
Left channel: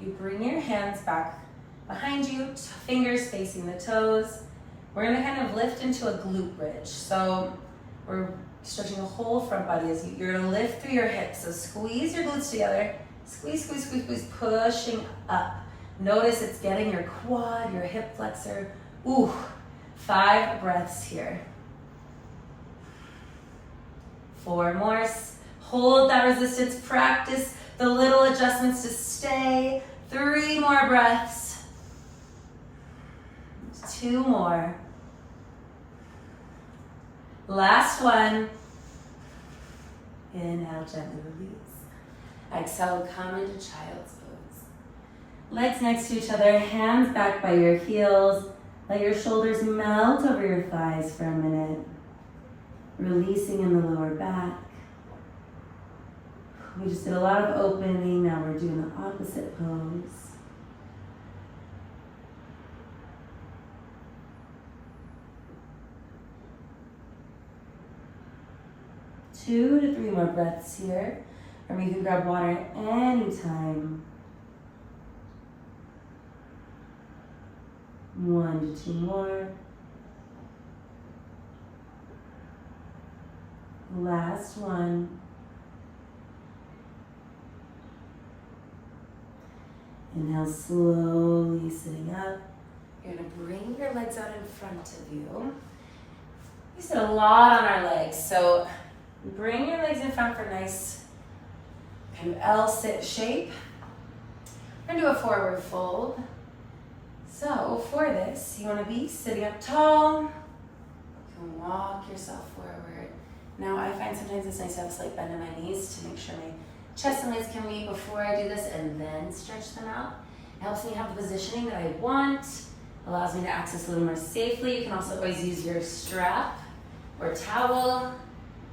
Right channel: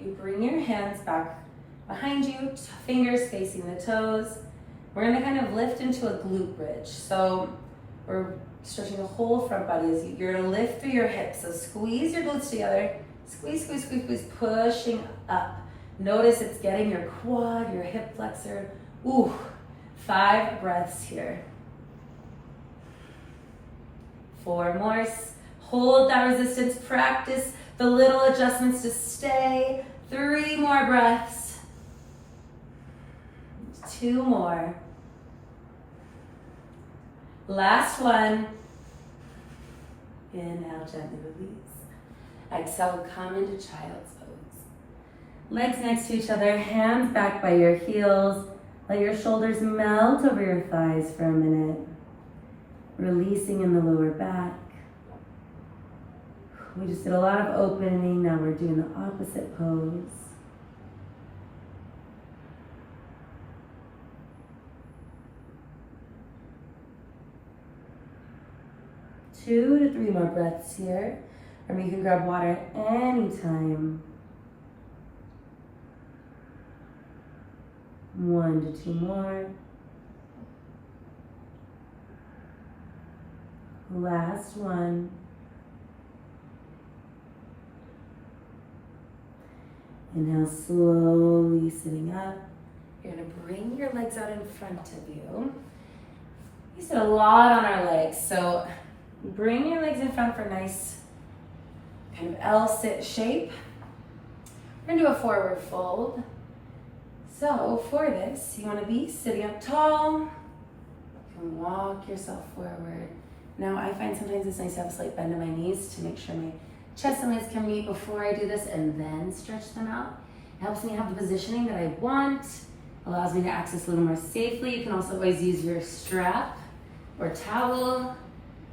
You bring your hands back behind you, fingers facing the toes. We're gonna kind of lift into a glute bridge. So we're stretching the whole front body as you're gonna lift through your hips. So squeeze your glutes together. Squeeze, squeeze, squeeze, squeeze, pushing up. Notice it's getting your quad, your hip flexor. Ooh, 5 breaths here. 4 more. Hold that resistance. Practice the little adjustments to stay. 3 more breaths. 2 more. Last one. Inhale, gently release. Exhale, come into child's pose. Legs next to each other, hands back by your heels. Let your shoulders melt over your thighs for a minute. Releasing in the lower back. We just did a lot of opening, now we're doing the opposite pose. Two to 3 more breaths here. Or you can grab water anytime. 1 to 2 more. Last one. Inhale, slowly sitting up. You're gonna bring your legs out in front of you. We sit a lot on our legs, so bring your legs in front for a nice kind of L-sit shape. We're gonna do a forward fold. So for this, you wanna be sitting up tall. You can walk yourself forward. Now I find sometimes it's nice to have a slight bend in my knees to make sure my chest and legs can meet before I do this and then stretch them out. It helps me have the positioning that I want, allows me to access a little more safely. You can also always use your strap or towel,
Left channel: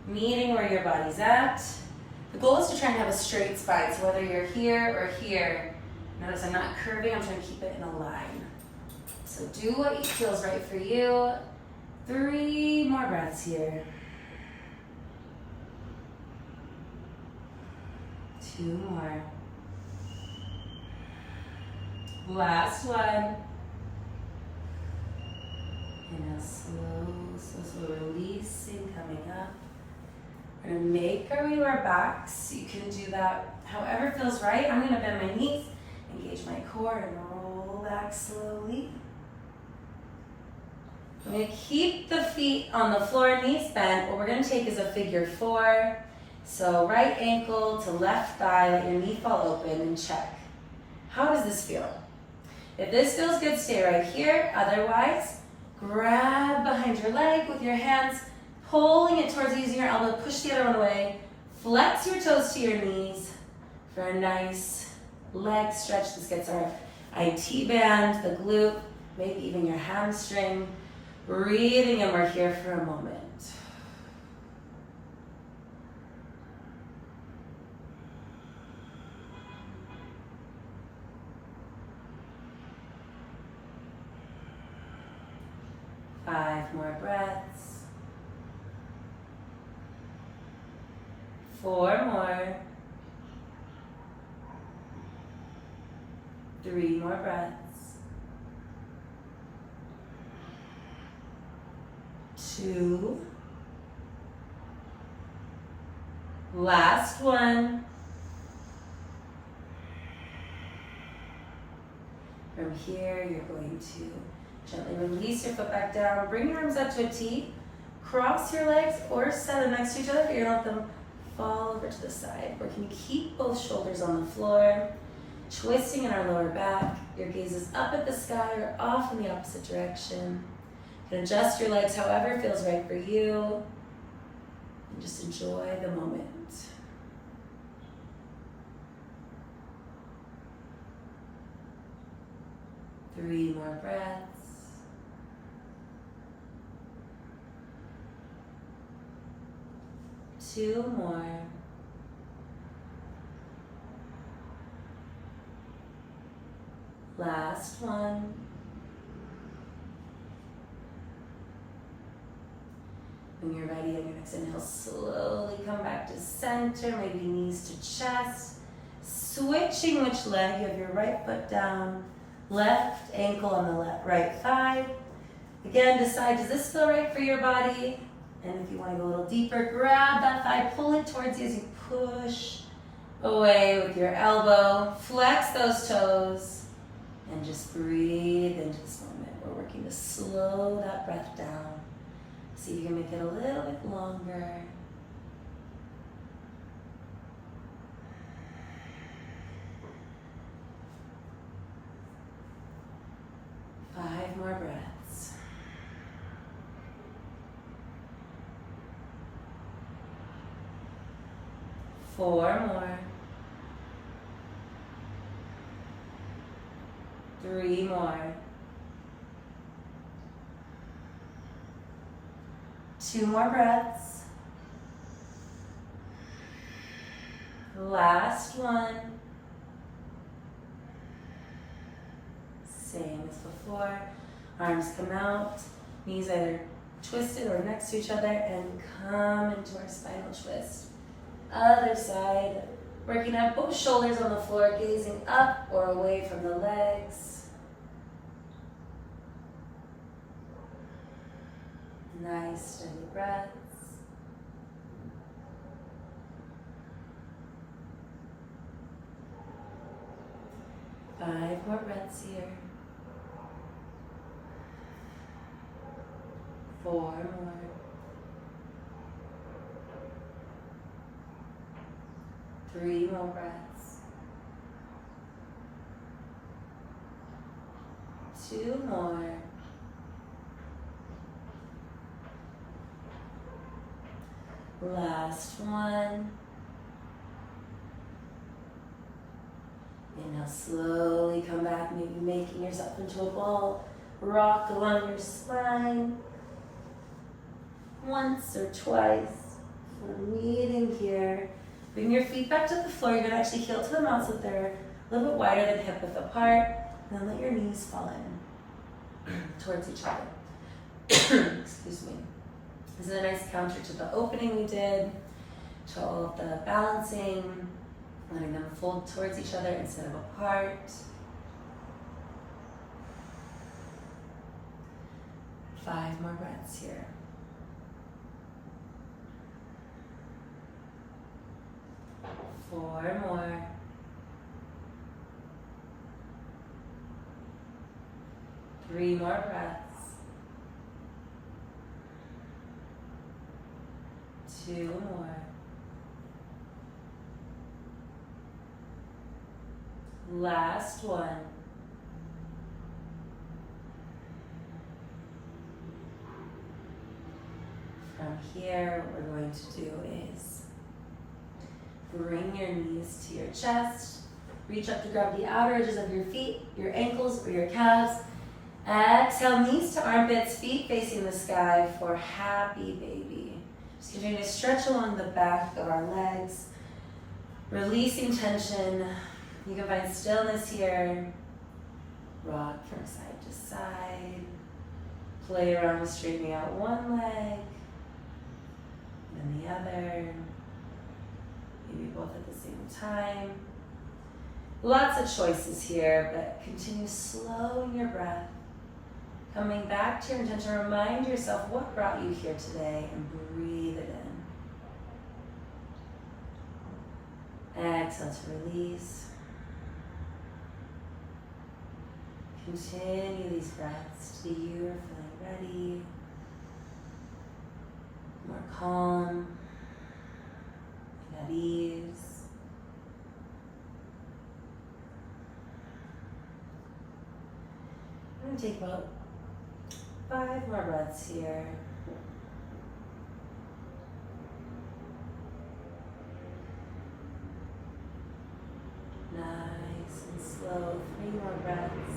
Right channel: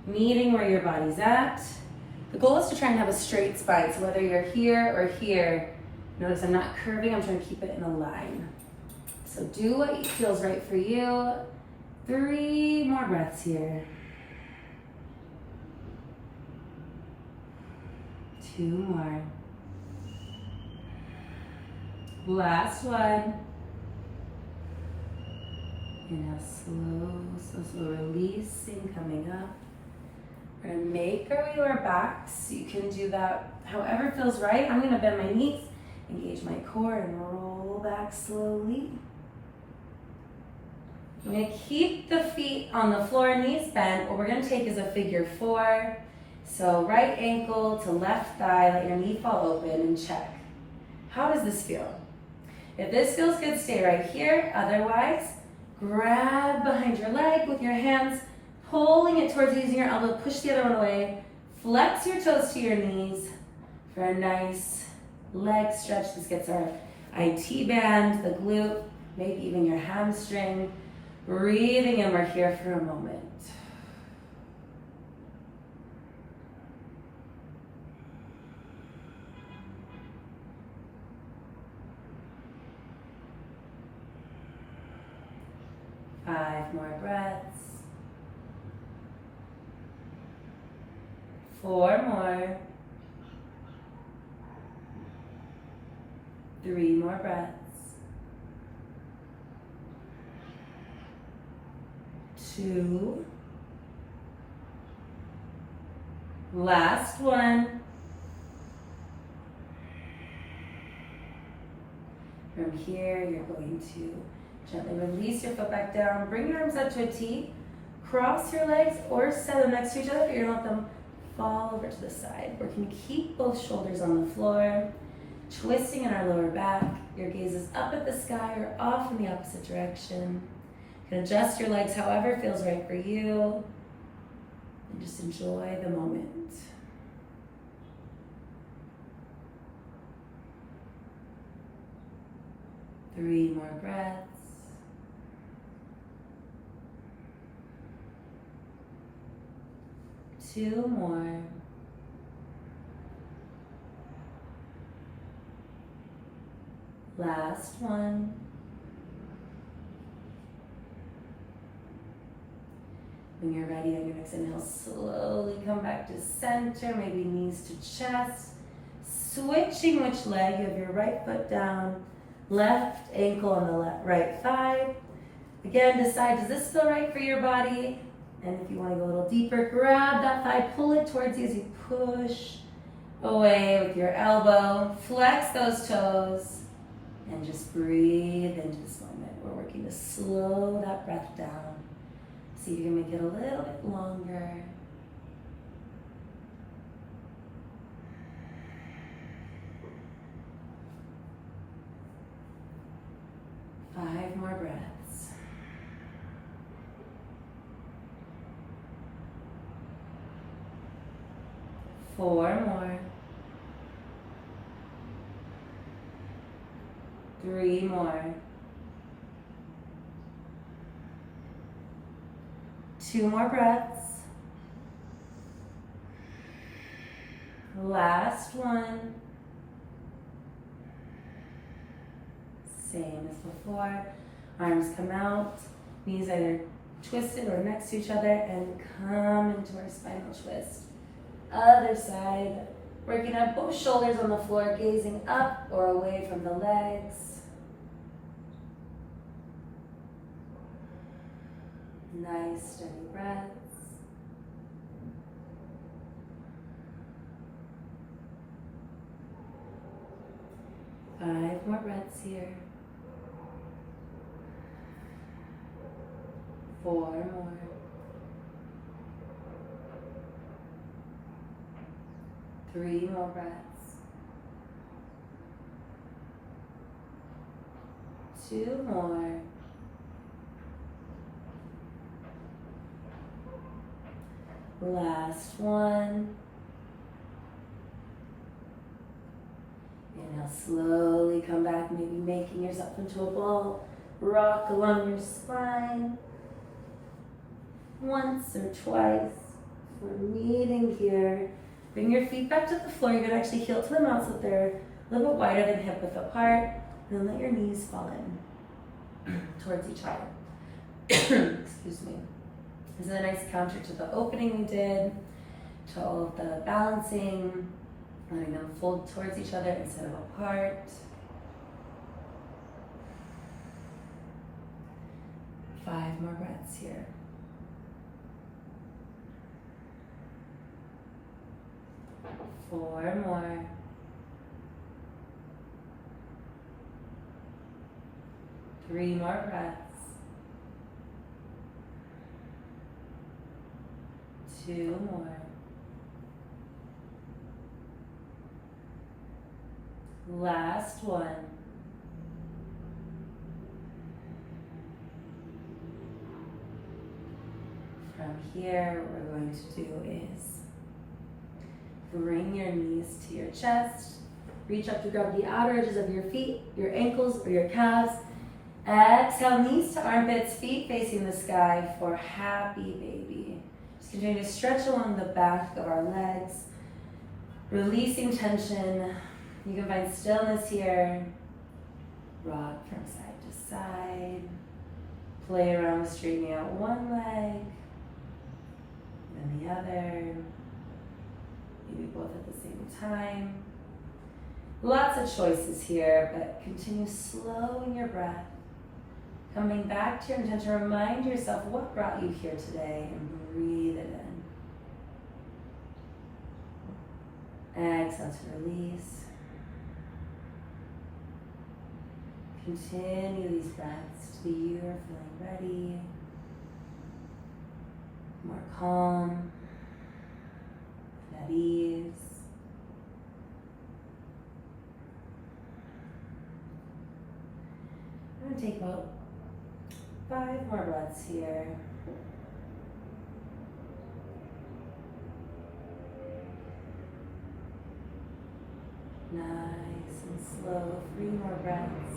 meeting where your body's at. The goal is to try and have a straight spine, so whether you're here or here, notice I'm not curving, I'm trying to keep it in a line. So do what feels right for you. 3 more breaths here. 2 more. Last one. Inhale, slow, releasing, coming up. We're gonna make our way to our backs. You can do that however feels right. I'm gonna bend my knees, engage my core, and roll back slowly. I'm gonna keep the feet on the floor, knees bent. What we're gonna take is a figure 4. So right ankle to left thigh, let your knee fall open and check. How does this feel? If this feels good, stay right here. Otherwise, grab behind your leg with your hands, pulling it towards you using your elbow, push the other one away. Flex your toes to your knees for a nice leg stretch. This gets our IT band, the glute, maybe even your hamstring. Breathing in, we're here for a moment. Five more breaths. 4 more. 3 more breaths. 2. Last one. From here, you're going to gently release your foot back down. Bring your arms up to a T. Cross your legs or set them next to each other. You're going to let them fall over to the side. We're going to keep both shoulders on the floor. Twisting in our lower back. Your gaze is up at the sky or off in the opposite direction. You can adjust your legs however feels right for you. And just enjoy the moment. Three more breaths. 2 more. Last one. When you're ready, on your next inhale, slowly come back to center, maybe knees to chest. Switching which leg, you have your right foot down, left ankle on the right thigh. Again, decide, does this feel right for your body? And if you want to go a little deeper, grab that thigh, pull it towards you as you push away with your elbow. Flex those toes and just breathe into this moment. We're working to slow that breath down. See if you can make it a little bit longer. Five more breaths. Four more. 3 more. 2 more breaths. Last one. Same as before. Arms come out, knees either twisted or next to each other, and come into our spinal twist. Other side, working up both shoulders on the floor, gazing up or away from the legs. Nice steady breaths. Five more breaths here. 4 more. 3 more breaths. 2 more. Last one. And now slowly come back, maybe making yourself into a ball. Rock along your spine. Once or twice. We're meeting here. Bring your feet back to the floor. You're gonna actually heel to the mat so that they're a little bit wider than hip width apart. And then let your knees fall in towards each other. Excuse me. This is a nice counter to the opening we did, to all of the balancing, letting them fold towards each other instead of apart. 5 more breaths here. 4 more. 3 more breaths. 2 more. Last one. From here, what we're going to do is bring your knees to your chest. Reach up to grab the outer edges of your feet, your ankles, or your calves. Exhale, knees to armpits, feet facing the sky for happy baby. Just continue to stretch along the back of our legs, releasing tension. You can find stillness here. Rock from side to side. Play around with straightening out one leg, then the other. Maybe both at the same time. Lots of choices here, but continue slowing your breath. Coming back to your intention, remind yourself what brought you here today and breathe it in. Exhale to release. Continue these breaths till you are feeling ready, more calm, and at ease. I'm going to take about 5 more breaths here. Nice and slow. 3 more breaths.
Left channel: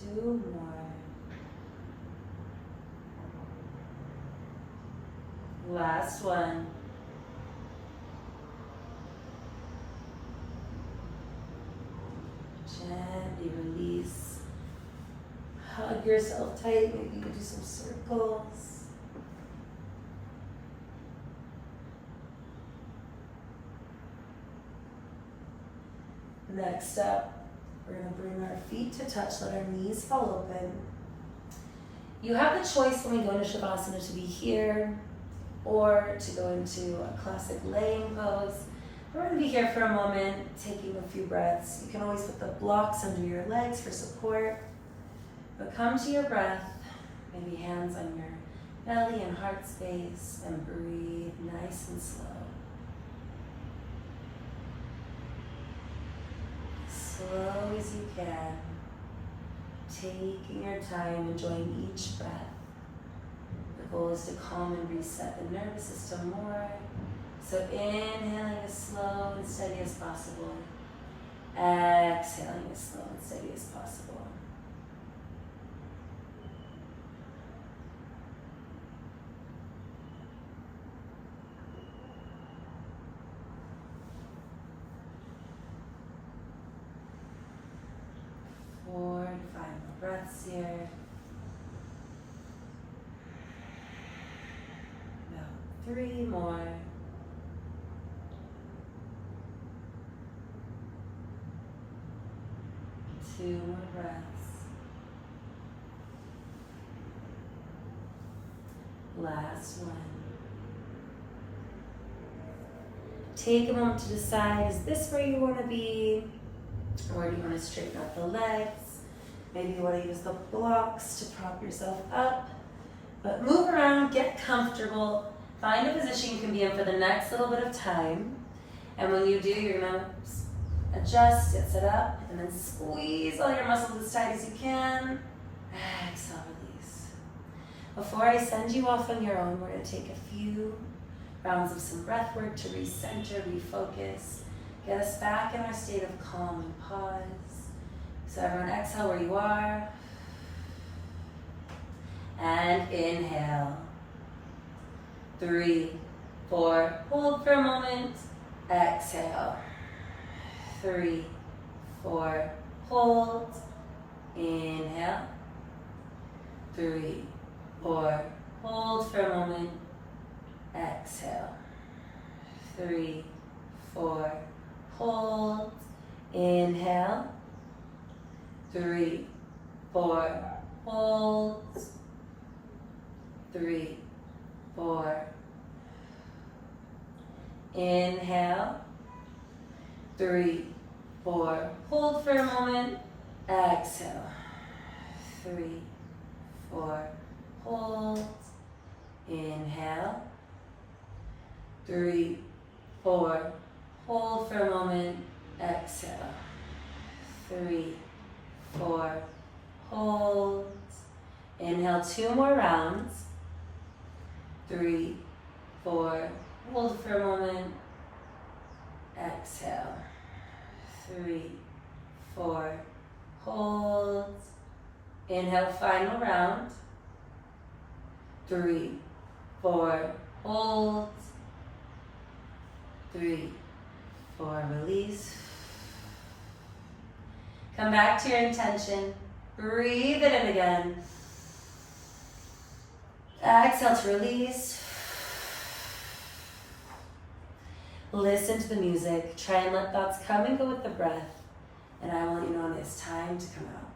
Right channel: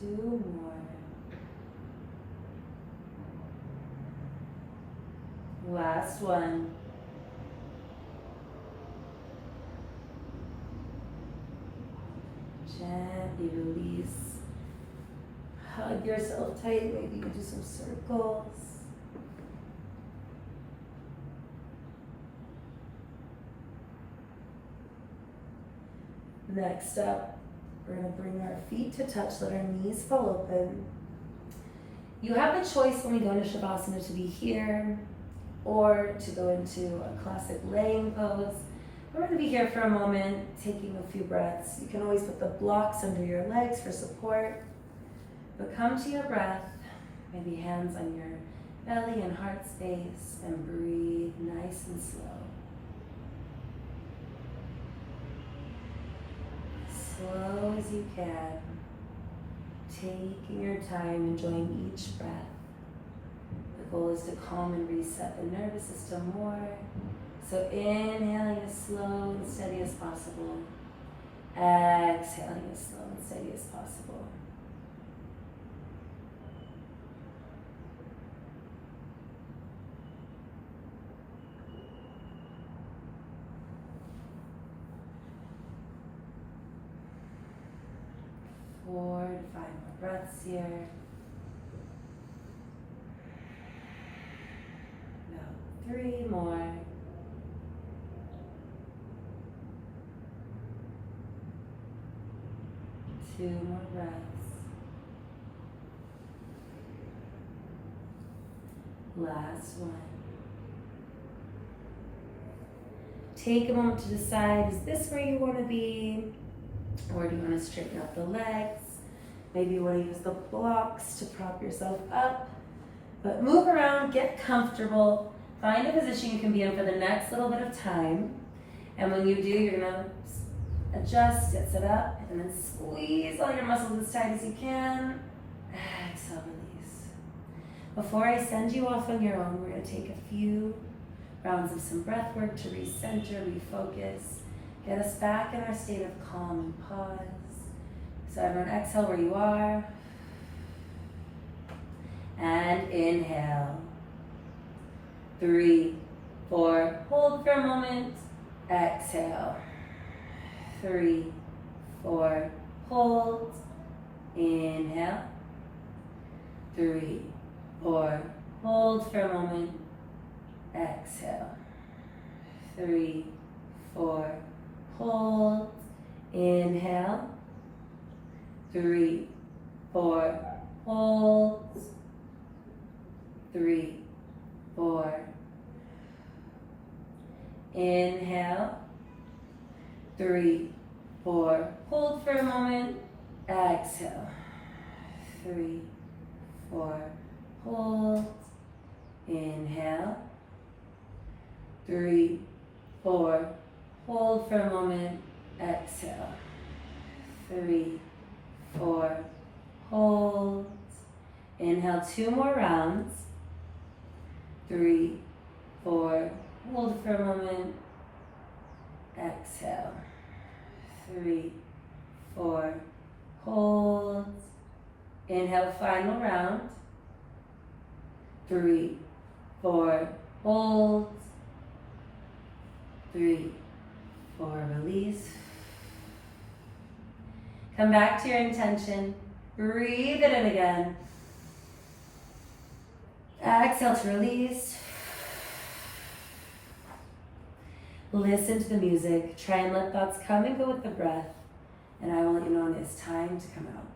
2 more. Last one. Gently release. Hug yourself tight. Maybe you do some circles. Next up, we're going to bring our feet to touch, let our knees fall open. You have the choice when we go into Savasana to be here or to go into a classic laying pose. We're going to be here for a moment, taking a few breaths. You can always put the blocks under your legs for support, but come to your breath, maybe hands on your belly and heart space, and breathe nice and slow. Slow as you can, taking your time, enjoying each breath. The goal is to calm and reset the nervous system more. So inhaling as slow and steady as possible. Exhaling as slow and steady as possible. Four to 5 more breaths here. About 3 more. 2 more breaths. Last one. Take a moment to decide, is this where you want to be? Or do you want to straighten out the legs? Maybe you want to use the blocks to prop yourself up. But move around, get comfortable. Find a position you can be in for the next little bit of time. And when you do, you're going to adjust, get set up, and then squeeze all your muscles as tight as you can. Exhale, release. Before I send you off on your own, we're going to take a few rounds of some breath work to recenter, refocus, get us back in our state of calm and pause. So everyone exhale where you are. And inhale. 3, 4, hold for a moment. Exhale. 3, 4, hold. Inhale. 3, 4, hold for a moment. Exhale. 3, 4, hold. Inhale. 3, 4, hold. 3, 4. Inhale. 3, 4. Hold for a moment. Exhale. 3, 4. Hold. Inhale. 3, 4. Hold for a moment. Exhale. 3, 4. Hold. Inhale 2 more rounds. 3, 4. Hold for a moment. Exhale. 3, 4. Hold. Inhale, final round. 3, 4. Hold. 3, 4. Release. Come back to your intention. Breathe it in again. Exhale to release. Listen to the music. Try and let thoughts come and go with the breath. And I will let you know when it's time to come out.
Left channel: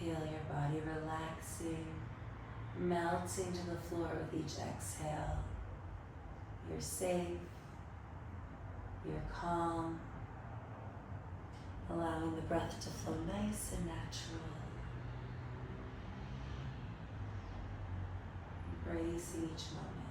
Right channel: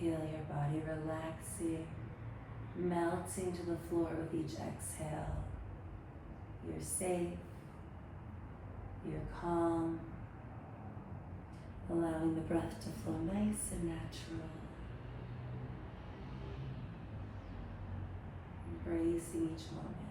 Feel your body relaxing, melting to the floor with each exhale. You're safe, you're calm, allowing the breath to flow nice and natural. Embracing each moment.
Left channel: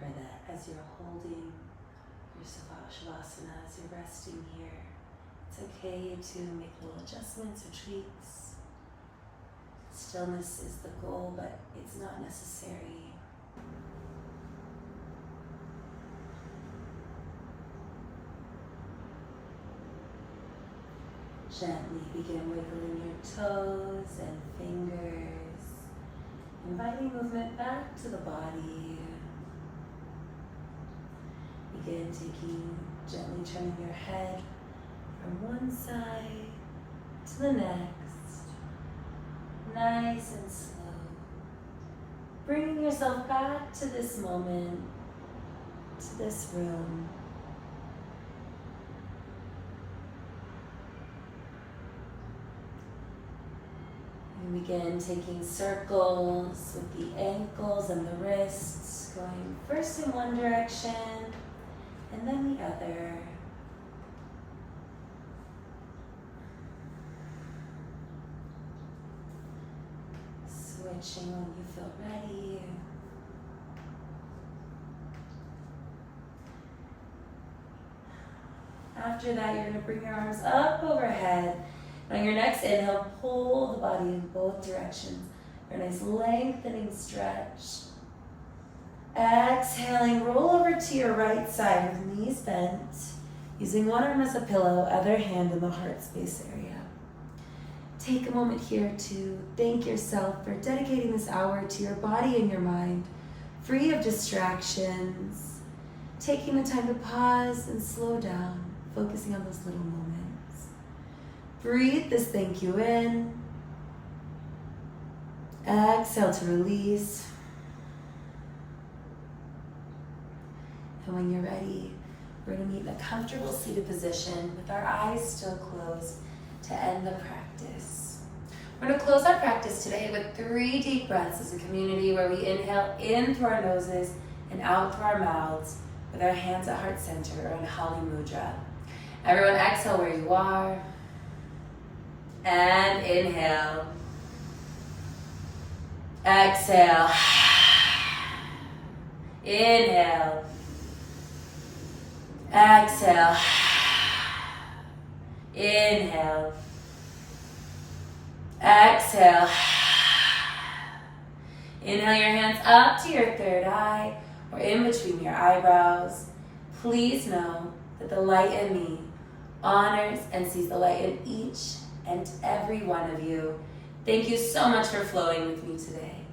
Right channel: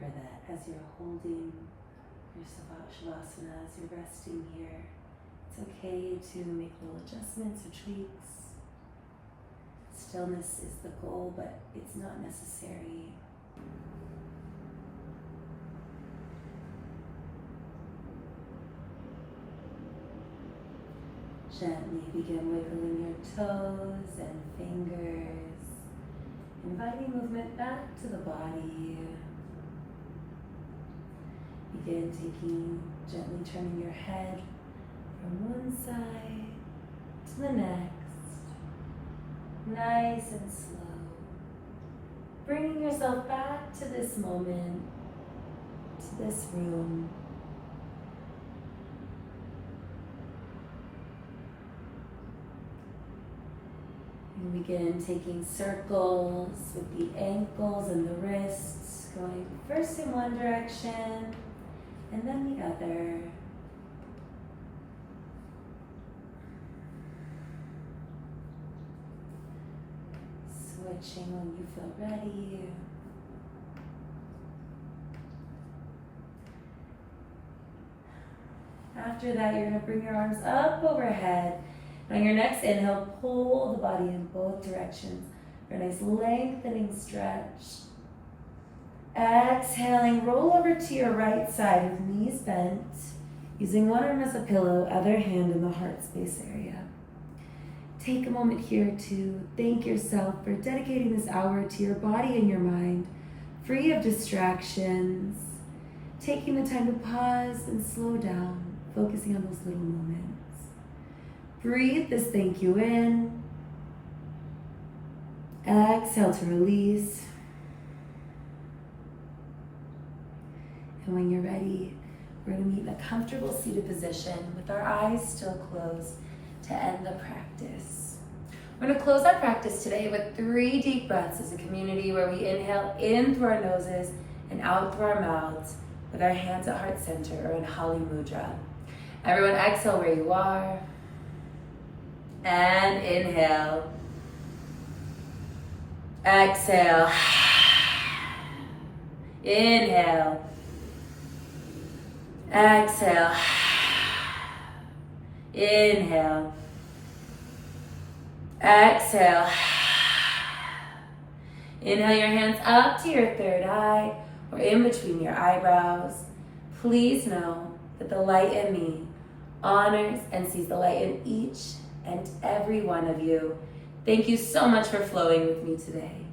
remember that as you're holding your Savasana, as you're resting here, it's okay to make little adjustments or tweaks. Stillness is the goal, but it's not necessary. Gently begin wiggling your toes and fingers, inviting movement back to the body. Begin gently turning your head from one side to the next, nice and slow. Bringing yourself back to this moment, to this room. And begin taking circles with the ankles and the wrists, going first in one direction and then the other. Switching when you feel ready. After that, you're going to bring your arms up overhead. On your next inhale, pull the body in both directions for a nice lengthening stretch. Exhaling, roll over to your right side with knees bent, using one arm as a pillow, other hand in the heart space area. Take a moment here to thank yourself for dedicating this hour to your body and your mind, free of distractions, taking the time to pause and slow down, focusing on those little moments. Breathe this thank you in. Exhale to release. And when you're ready, we're going to meet in a comfortable seated position with our eyes still closed to end the practice. We're going to close our practice today with 3 deep breaths as a community where we inhale in through our noses and out through our mouths with our hands at heart center or in Hali Mudra. Everyone exhale where you are. And inhale. Exhale. Inhale. Exhale. Inhale. Exhale. Inhale your hands up to your third eye or in between your eyebrows. Please know that the light in me honors and sees the light in each and every one of you. Thank you so much for flowing with me today.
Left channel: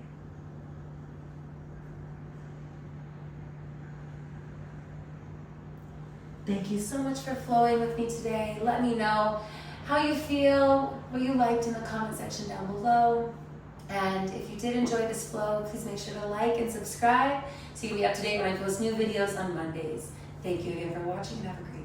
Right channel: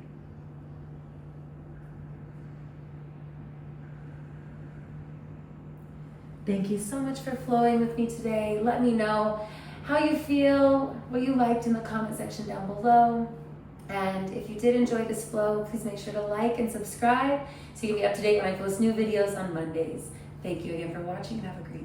Thank you so much for flowing with me today. Let me know how you feel, what you liked in the comment section down below. And if you did enjoy this flow, please make sure to like and subscribe so you can be up to date when I post new videos on Mondays. Thank you again for watching and have a great day.